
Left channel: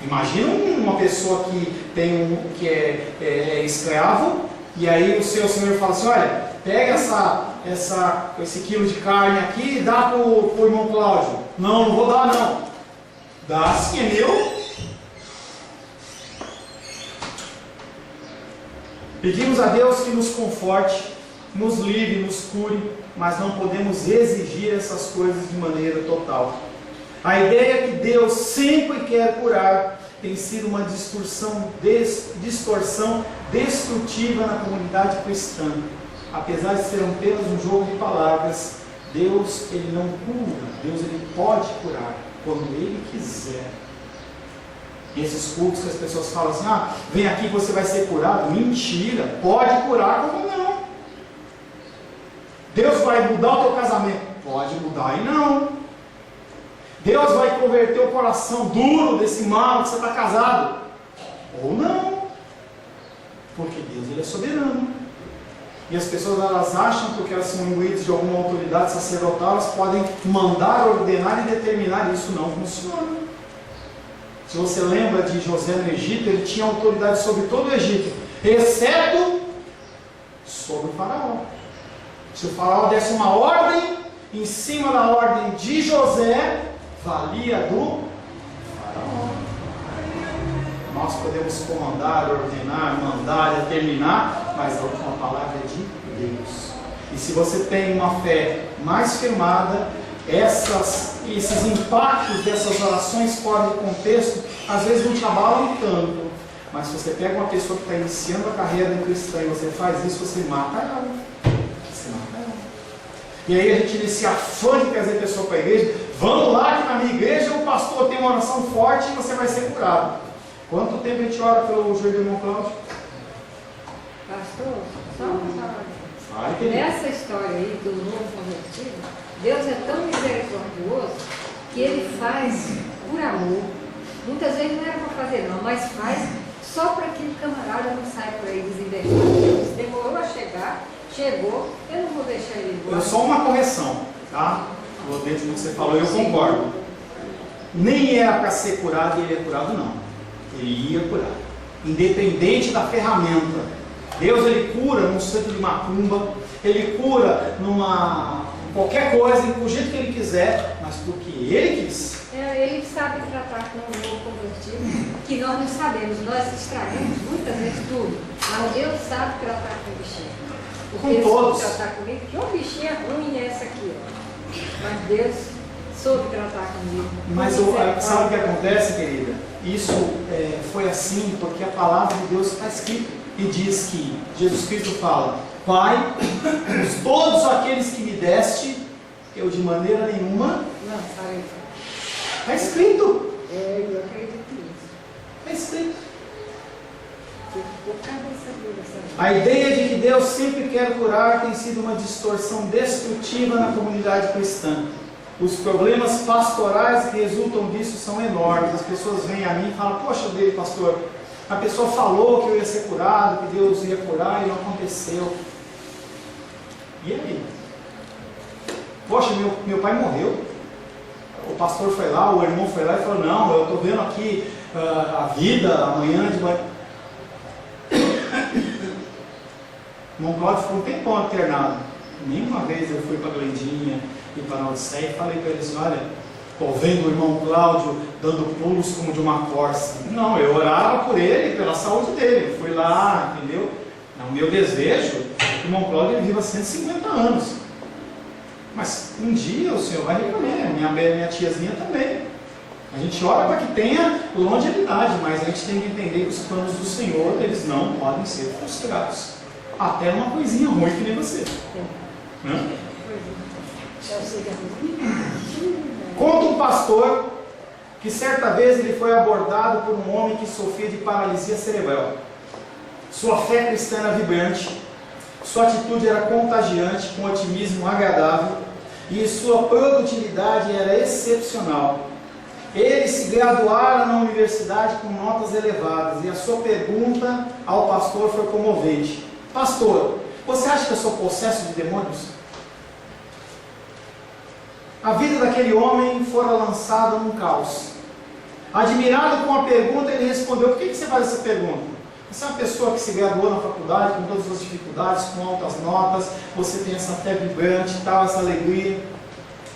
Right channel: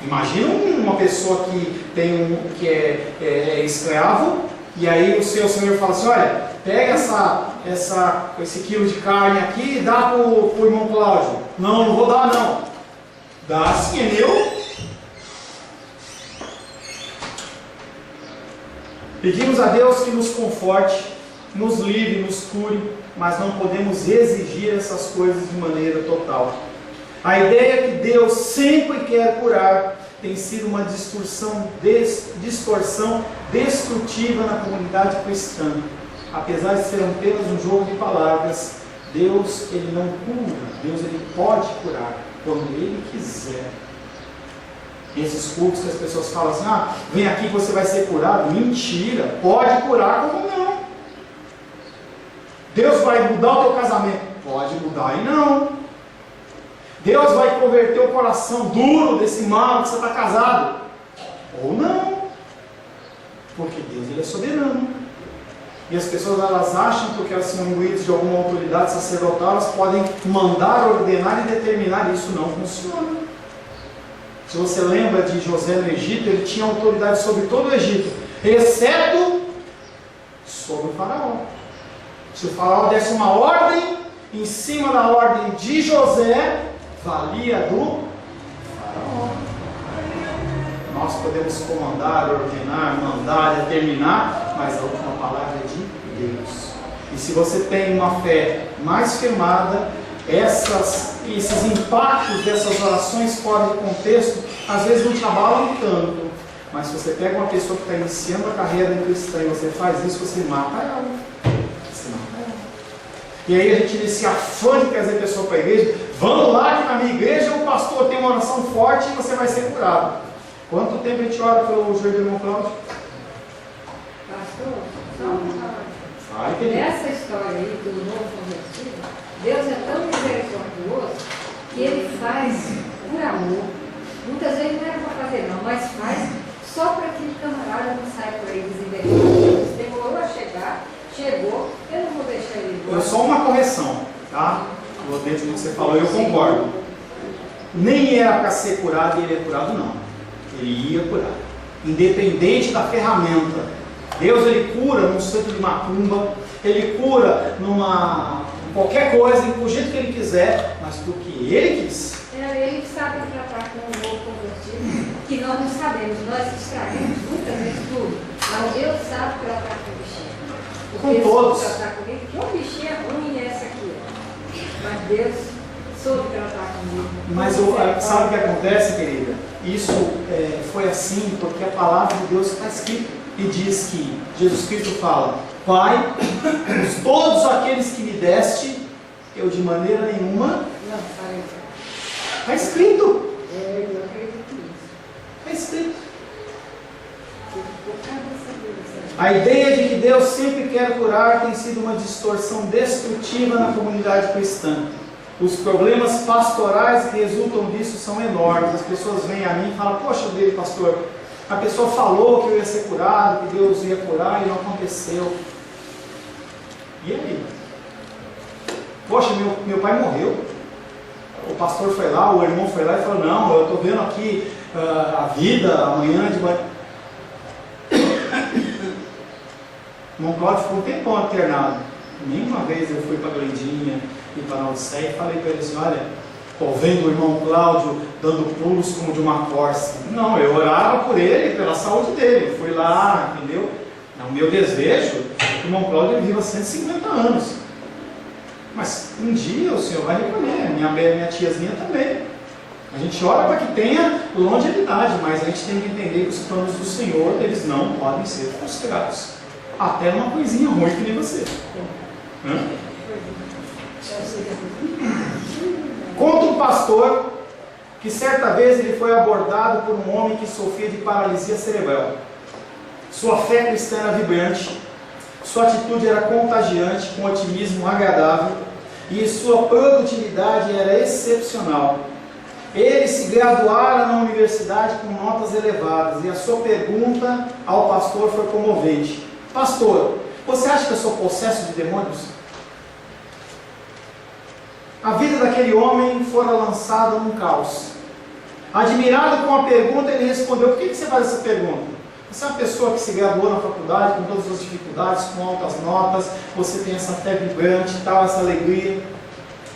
Imagina uma pessoa que é escravo e aí o seu Senhor fala assim, olha, pega esse quilo de carne aqui e dá para o irmão Cláudio. Não vou dar não. Dá sim, é meu. Pedimos a Deus que nos conforte, nos livre, nos cure, mas não podemos exigir essas coisas de maneira total. A ideia que Deus sempre quer curar tem sido uma distorção destrutiva na comunidade cristã. Apesar de ser apenas um jogo de palavras, Deus ele não cura, Deus ele pode curar quando Ele quiser. E esses cultos que as pessoas falam assim, vem aqui que você vai ser curado. Mentira, pode curar como não. Deus vai mudar o teu casamento. Pode mudar e não. Deus vai converter o coração duro desse mal que você está casado. Ou não. Porque Deus ele é soberano. E as pessoas elas acham, porque elas são imbuídas de alguma autoridade sacerdotal, elas podem mandar, ordenar e determinar. Isso não funciona. Se você lembra de José no Egito, ele tinha autoridade sobre todo o Egito, exceto sobre o faraó. Se o faraó desse uma ordem, em cima da ordem de José, valia do faraó. Nós podemos comandar, ordenar, mandar, determinar, mas a última palavra é de Deus. E se você tem uma fé mais firmada, esses impactos dessas orações fora de contexto, às vezes não te abalam tanto. Mas se você pega uma pessoa que está iniciando a carreira cristã e você faz isso, você mata ela. Você mata ela. E aí a gente inicia afã de trazer a pessoa para a igreja. Vamos lá que na minha igreja o pastor tem uma oração forte e você vai ser curado. Quanto tempo a gente ora pelo joelho do irmão Cláudio? Pastor, só uma palavra. Ai, querido. Nessa história aí do novo convertido, Deus é tão misericordioso que Ele faz por amor. Muitas vezes não era para fazer não, mas faz só para que o camarada não saia por aí desinvestado. Deus demorou a chegar, chegou, eu não vou deixar ele embora. Só uma correção, tá? Dentro do que você falou, eu concordo. Nem era para ser curado e ele é curado, não. Ele ia curar. Independente da ferramenta. Deus, ele cura num centro de macumba, ele cura numa qualquer coisa, do jeito que ele quiser, mas porque ele quis. Ele sabe tratar com o novo convertido, que nós não sabemos, nós estragamos muitas vezes tudo, mas Deus sabe tratar com o bichinho. Porque Com todos. Ele tratar comigo, que um bichinho é ruim é essa aqui, ó. Mas Deus soube tratar comigo. Mas sabe o que acontece, querida? Isso foi assim porque a palavra de Deus está escrita. E diz que Jesus Cristo fala: Pai, todos aqueles que me deste, eu de maneira nenhuma. Não, sabe? Está escrito. Eu acredito nisso. Está escrito. Por causa dessa vida, A ideia de que Deus sempre quer curar tem sido uma distorção destrutiva na comunidade cristã. Os problemas pastorais que resultam disso são enormes. As pessoas vêm a mim e falam: Poxa, dele, pastor, a pessoa falou que eu ia ser curado, que Deus ia curar e não aconteceu. E aí? Poxa, meu pai morreu. O pastor foi lá, o irmão foi lá e falou: Não, eu estou vendo aqui a vida amanhã de manhã. O irmão Cláudio ficou um tempão internado. Nenhuma vez eu fui para a Glendinha e para a Odisseia e falei para eles: Olha, estou vendo o irmão Cláudio dando pulos como de uma corça. Não, eu orava por ele, pela saúde dele. Fui lá, entendeu? O meu desejo é que o irmão Cláudio viva 150 anos. Mas um dia o Senhor vai recolher, minha tiazinha também. A gente ora para que tenha longevidade, mas a gente tem que entender que os planos do Senhor, eles não podem ser frustrados. Até uma coisinha ruim que nem você. Conta um pastor que certa vez ele foi abordado por um homem que sofria de paralisia cerebral. Sua fé cristã era vibrante, sua atitude era contagiante, com otimismo agradável, e sua produtividade era excepcional. Ele se graduara na universidade com notas elevadas, e a sua pergunta ao pastor foi comovente: Pastor, você acha que eu sou possesso de demônios? A vida daquele homem fora lançada num caos. Admirado com a pergunta, ele respondeu: Por que você faz essa pergunta? Você é uma pessoa que se graduou na faculdade com todas as dificuldades, com altas notas, você tem essa fé vibrante, tal, essa alegria.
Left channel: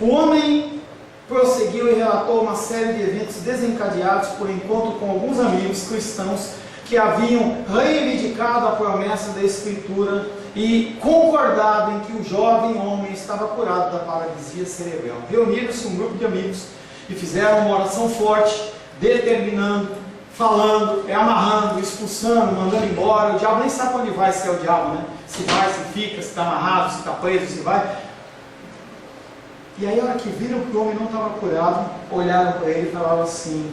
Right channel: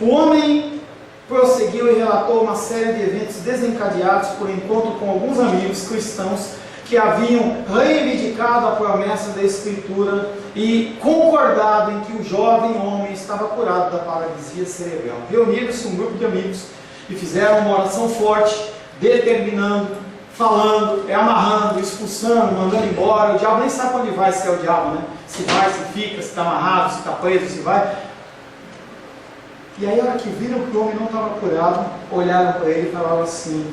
O homem prosseguiu e relatou uma série de eventos desencadeados por encontro com alguns amigos cristãos que haviam reivindicado a promessa da Escritura e concordado em que o jovem homem estava curado da paralisia cerebral. Reuniram-se um grupo de amigos e fizeram uma oração forte, determinando, falando, amarrando, expulsando, mandando embora. O diabo nem sabe onde vai, se é o diabo, né? Se vai, se fica, se está amarrado, se está preso, se vai. E aí, a hora que viram que o homem não estava curado, olharam para ele e falavam assim:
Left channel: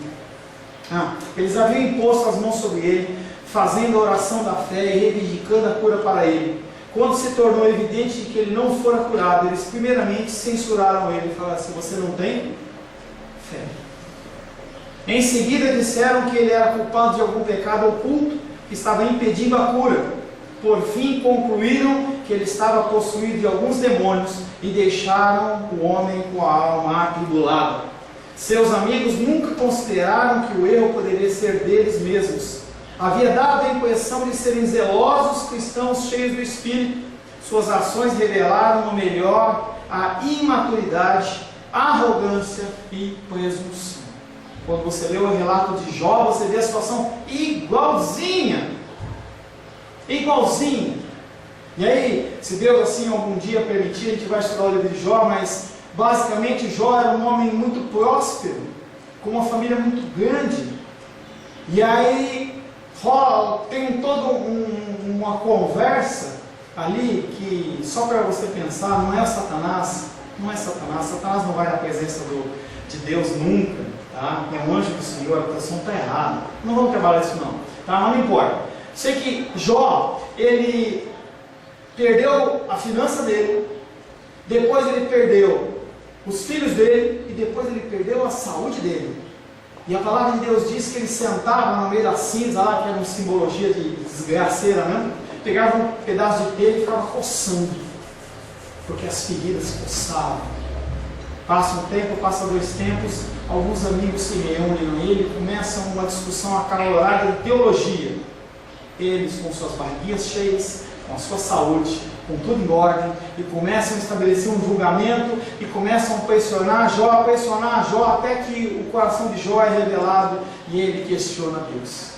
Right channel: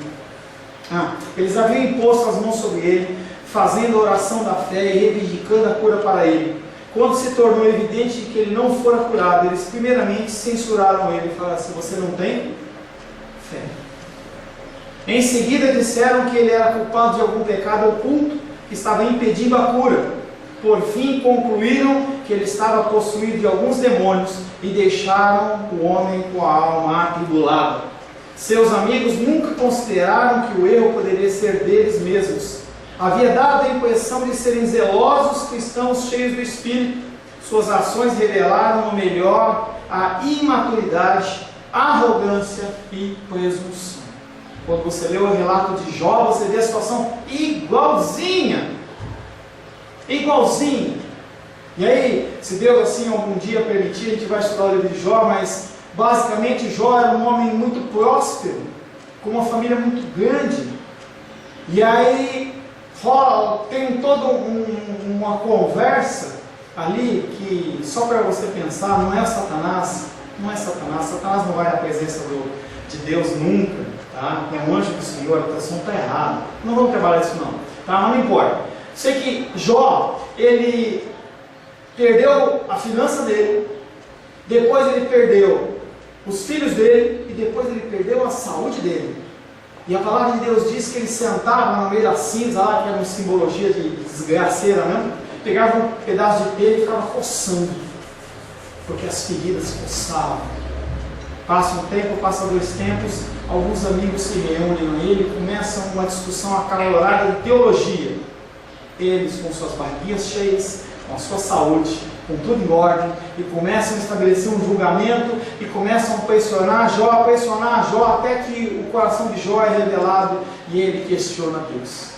eles haviam imposto as mãos sobre ele, fazendo a oração da fé e reivindicando a cura para ele. Quando se tornou evidente que ele não fora curado, eles primeiramente censuraram ele e falaram assim: Você não tem fé. Em seguida disseram que ele era culpado de algum pecado oculto que estava impedindo a cura. Por fim concluíram que ele estava possuído de alguns demônios e deixaram o homem com a alma atribulada. Seus amigos nunca consideraram que o erro poderia ser deles mesmos. Havia dado a impressão de serem zelosos cristãos cheios do Espírito. Suas ações revelaram no melhor a imaturidade, arrogância e presunção. Quando você lê o relato de Jó, você vê a situação igualzinha. Igualzinha. E aí, se Deus assim algum dia permitir, a gente vai estudar o livro de Jó, mas basicamente Jó era um homem muito próspero, com uma família muito grande. E aí tem toda uma conversa ali que, só para você pensar, não é Satanás. Satanás não vai na presença de Deus nunca. Tá? É um anjo do Senhor, a tradução está errada. Não vamos trabalhar isso não. Tá? Mas não importa. Sei que Jó, ele perdeu a finança dele, depois ele perdeu os filhos dele e depois ele perdeu a saúde dele. E a palavra de Deus diz que ele sentava no meio da cinza lá, que era uma simbologia de desgraceira, né? Pegava um pedaço de telha e ficava coçando, porque as feridas coçavam. Passa um tempo, passa 2 tempos, alguns amigos se reúnem a ele, começam uma discussão acalorada de teologia. Eles com suas barriguinhas cheias, com a sua saúde, com tudo em ordem, e começam a estabelecer um julgamento, e começam a pressionar Jó, até que o coração de Jó é revelado, e ele questiona Deus.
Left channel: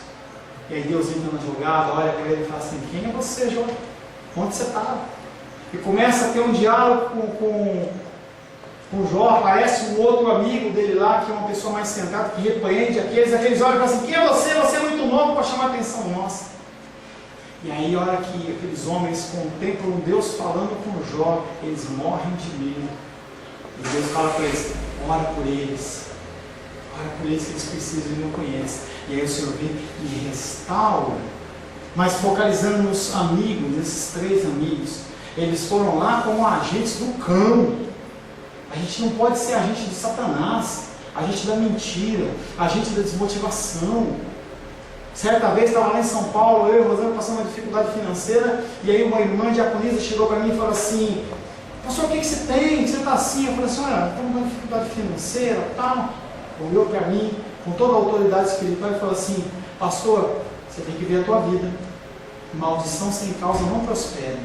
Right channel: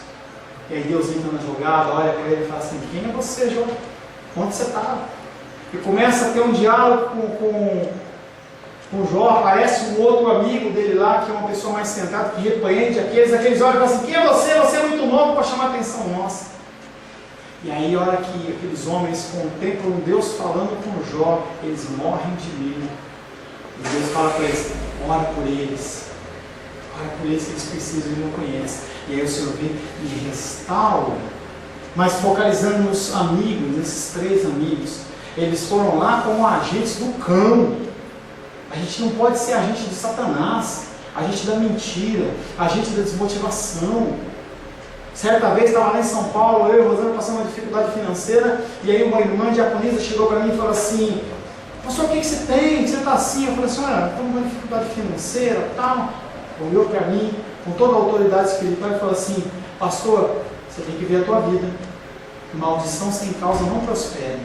E aí Deus entra na jogada, olha para ele e fala assim: quem é você, Jó? Onde você estava? E começa a ter um diálogo com Jó. Aparece um outro amigo dele lá, que é uma pessoa mais sentada, que repreende aqueles olham e falam assim: quem é você? Você é muito novo para chamar a atenção nossa. E aí, a hora que aqueles homens contemplam Deus falando com Jó, eles morrem de medo. E Deus fala para eles: ora por eles que eles precisam e não conhecem. E aí o Senhor vem e restaura. Mas focalizando nos amigos, nesses 3 amigos, eles foram lá como agentes do cão. A gente não pode ser agente de Satanás, agente da mentira, agente da desmotivação. Certa vez estava lá em São Paulo, eu e Rosana passando uma dificuldade financeira, e aí uma irmã diaconisa chegou para mim e falou assim: pastor, o que você tem? Você está assim? Eu falei assim: olha, estou com uma dificuldade financeira, tal. Olhou para mim com toda a autoridade espiritual e falou assim: pastor, você tem que ver a tua vida. Maldição sem causa não prospera.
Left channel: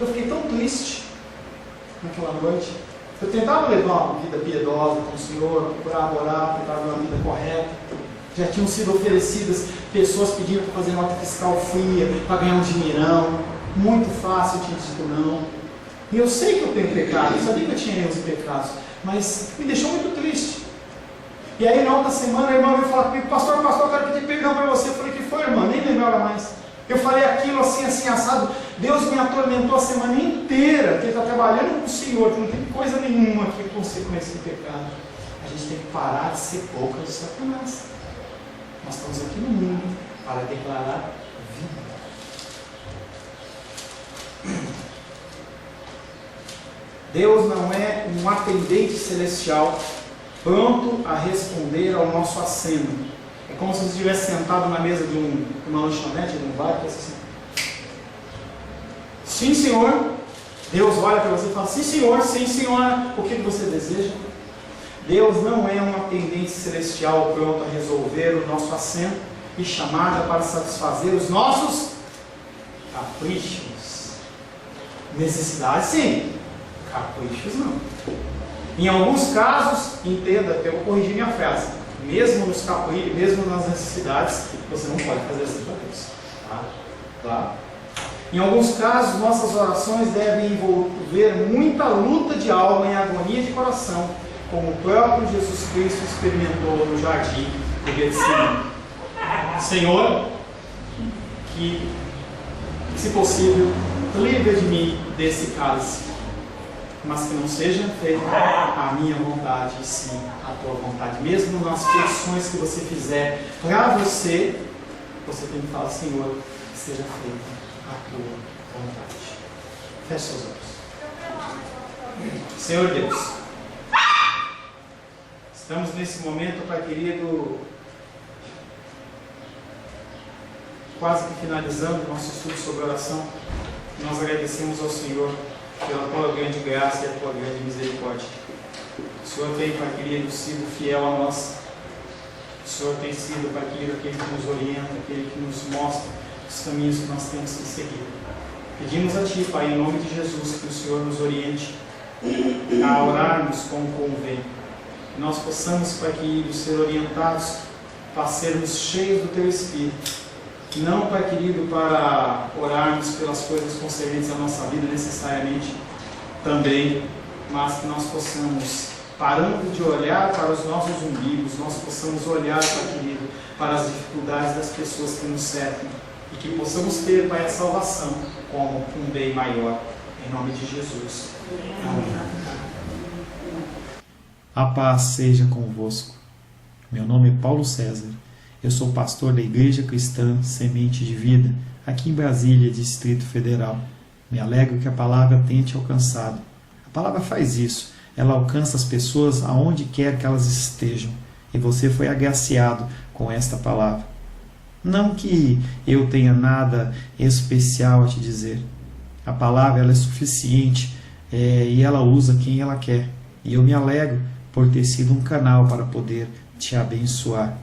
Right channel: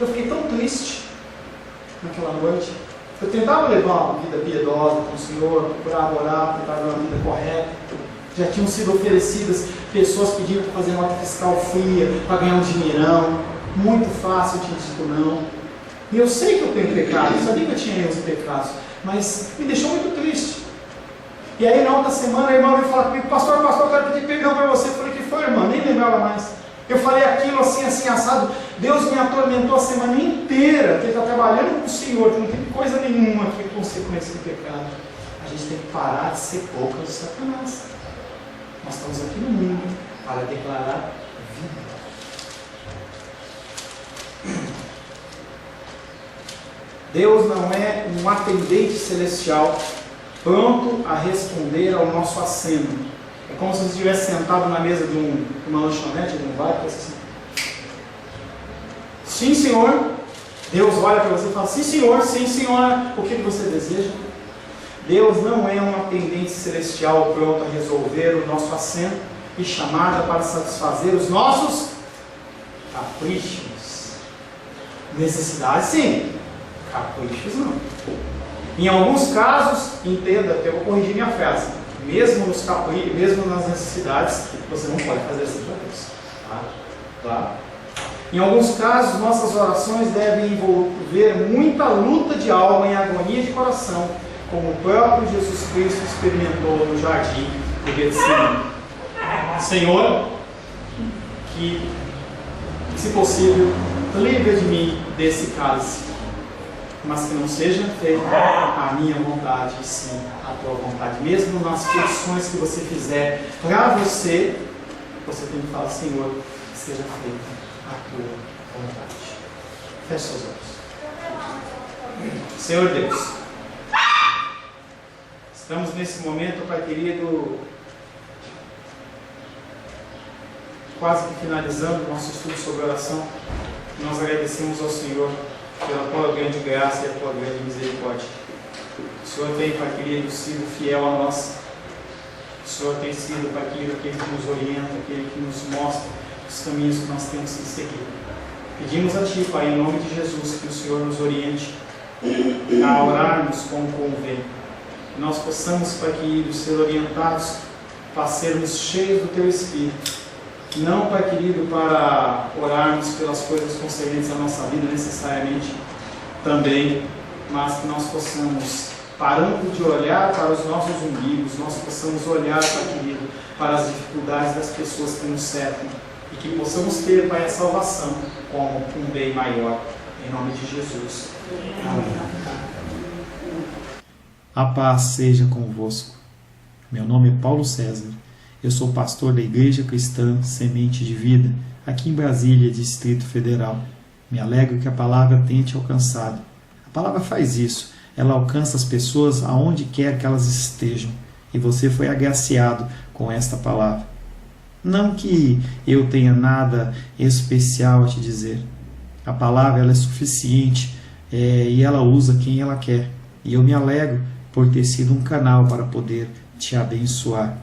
Eu fiquei tão triste naquela noite. Eu tentava levar uma vida piedosa com o Senhor, procurava orar, tentava levar uma vida correta. Já tinham sido oferecidas pessoas pedindo para fazer nota fiscal fria, para ganhar um dinheirão. Muito fácil, eu tinha dito não. E eu sei que eu tenho pecado, eu sabia que eu tinha erros e pecados, mas me deixou muito triste. E aí na outra semana a irmã veio falar comigo: pastor, eu quero pedir perdão para você. Eu falei: que foi, irmã? Nem lembrava mais. Eu falei aquilo assim, assado. Deus me atormentou a semana inteira, que Ele está trabalhando com o Senhor, que não tem coisa nenhuma aqui com consequência de pecado. A gente tem que parar de ser boca de Satanás. Nós estamos aqui no mundo para declarar vida. Deus não é um atendente celestial pronto a responder ao nosso aceno. É como se você estivesse sentado na mesa de uma lanchonete, de um bar, e assim: sim, senhor. Deus olha para você e fala: sim, senhor, sim, senhora. O que você deseja? Deus não é um atendente celestial pronto a resolver o nosso assento e chamada para satisfazer os nossos caprichos. Necessidades, sim. Caprichos, não. Em alguns casos, entenda, eu vou corrigir minha frase, mesmo nos caprichos, mesmo nas necessidades, você não pode fazer assim para Deus. Tá? Em alguns casos, nossas orações devem envolver muita luta de alma e agonia de coração, como o próprio Jesus Cristo experimentou no jardim do Getsemane. Senhor, que, se possível, livre de mim desse cálice, mas que não seja feita a minha vontade, e sim a tua vontade. Mesmo nas petições que você fizer para você tem que falar: Senhor, que seja feita a tua vontade. Feche seus olhos. Senhor Deus, estamos nesse momento, Pai querido, quase que finalizando o nosso estudo sobre oração. Nós agradecemos ao Senhor pela tua grande graça e a tua grande misericórdia. O Senhor tem, Pai querido, sido fiel a nós. O Senhor tem sido, Pai querido, aquele que nos orienta, aquele que nos mostra os caminhos que nós temos que seguir. Pedimos a Ti, Pai, em nome de Jesus, que o Senhor nos oriente a orarmos como convém. Que nós possamos, Pai querido, ser orientados para sermos cheios do Teu Espírito. Não, Pai querido, para orarmos pelas coisas concernentes à nossa vida necessariamente também, mas que nós possamos, parando de olhar para os nossos umbigos, nós possamos olhar, Pai querido, para as dificuldades das pessoas que nos cercam e que possamos ter, Pai, a salvação como um bem maior, em nome de Jesus. Amém. A paz seja convosco. Meu nome é Paulo César. Eu sou pastor da Igreja Cristã Semente de Vida, aqui em Brasília, Distrito Federal. Me alegro que a palavra tenha te alcançado. A palavra faz isso. Ela alcança as pessoas aonde quer que elas estejam. E você foi agraciado com esta palavra. Não que eu tenha nada especial a te dizer. A palavra ela é suficiente e ela usa quem ela quer. E eu me alegro por ter sido um canal para poder te abençoar.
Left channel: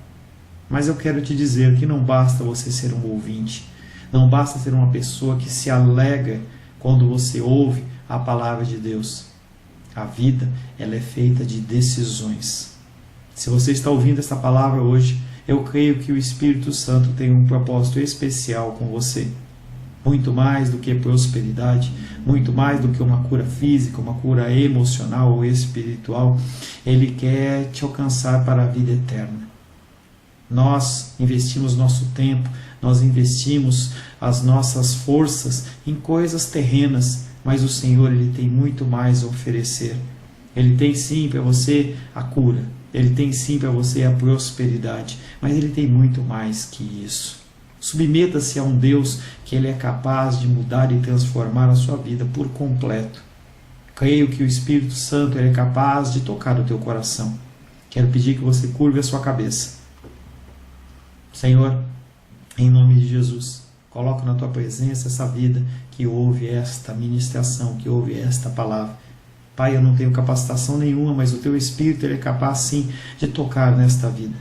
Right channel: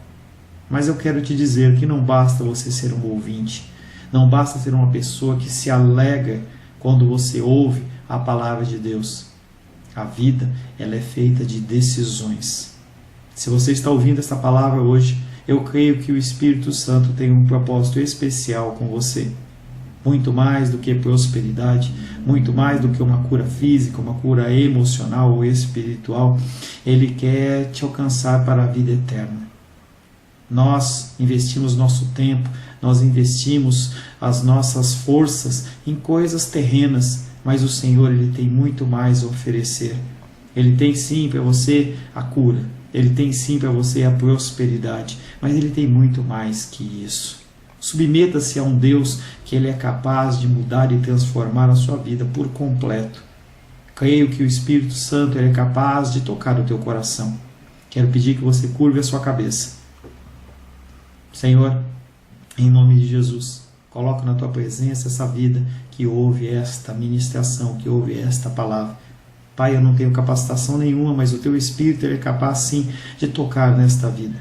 Mas eu quero te dizer que não basta você ser um ouvinte. Não basta ser uma pessoa que se alegra quando você ouve a palavra de Deus. A vida ela é feita de decisões. Se você está ouvindo essa palavra hoje, eu creio que o Espírito Santo tem um propósito especial com você. Muito mais do que prosperidade, muito mais do que uma cura física, uma cura emocional ou espiritual, Ele quer te alcançar para a vida eterna. Nós investimos nosso tempo, nós investimos as nossas forças em coisas terrenas, mas o Senhor Ele tem muito mais a oferecer. Ele tem sim para você a cura, Ele tem sim para você a prosperidade, mas Ele tem muito mais que isso. Submeta-se a um Deus que Ele é capaz de mudar e transformar a sua vida por completo. Creio que o Espírito Santo Ele é capaz de tocar o teu coração. Quero pedir que você curve a sua cabeça. Senhor, em nome de Jesus, coloco na tua presença essa vida que ouve esta ministração, que ouve esta palavra. Pai, eu não tenho capacitação nenhuma, mas o teu Espírito Ele é capaz sim de tocar nesta vida,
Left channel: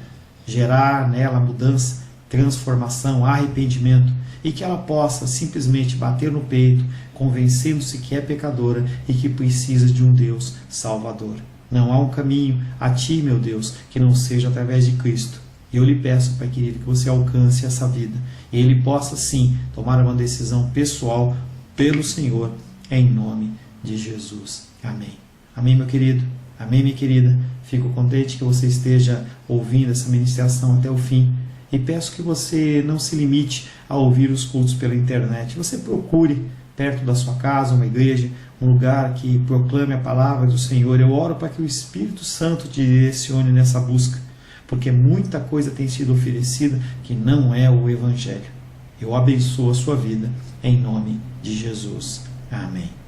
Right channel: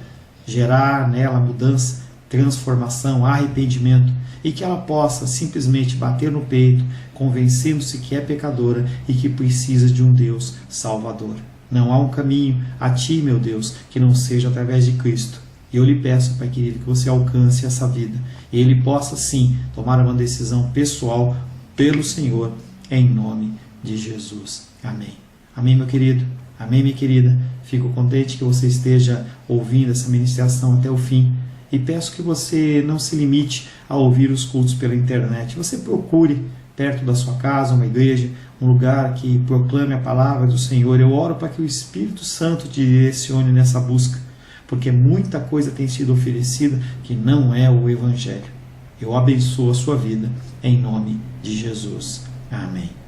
gerar nela mudança, transformação, arrependimento, e que ela possa simplesmente bater no peito, convencendo-se que é pecadora e que precisa de um Deus salvador. Não há um caminho a ti, meu Deus, que não seja através de Cristo. E eu lhe peço, Pai querido, que você alcance essa vida e Ele possa sim tomar uma decisão pessoal pelo Senhor, em nome de Jesus. Amém. Amém, meu querido. Amém, minha querida. Fico contente que você esteja ouvindo essa ministração até o fim. E peço que você não se limite a ouvir os cultos pela internet. Você procure perto da sua casa uma igreja, um lugar que proclame a palavra do Senhor. Eu oro para que o Espírito Santo te direcione nessa busca, porque muita coisa tem sido oferecida que não é o Evangelho. Eu abençoo a sua vida em nome de Jesus. Amém.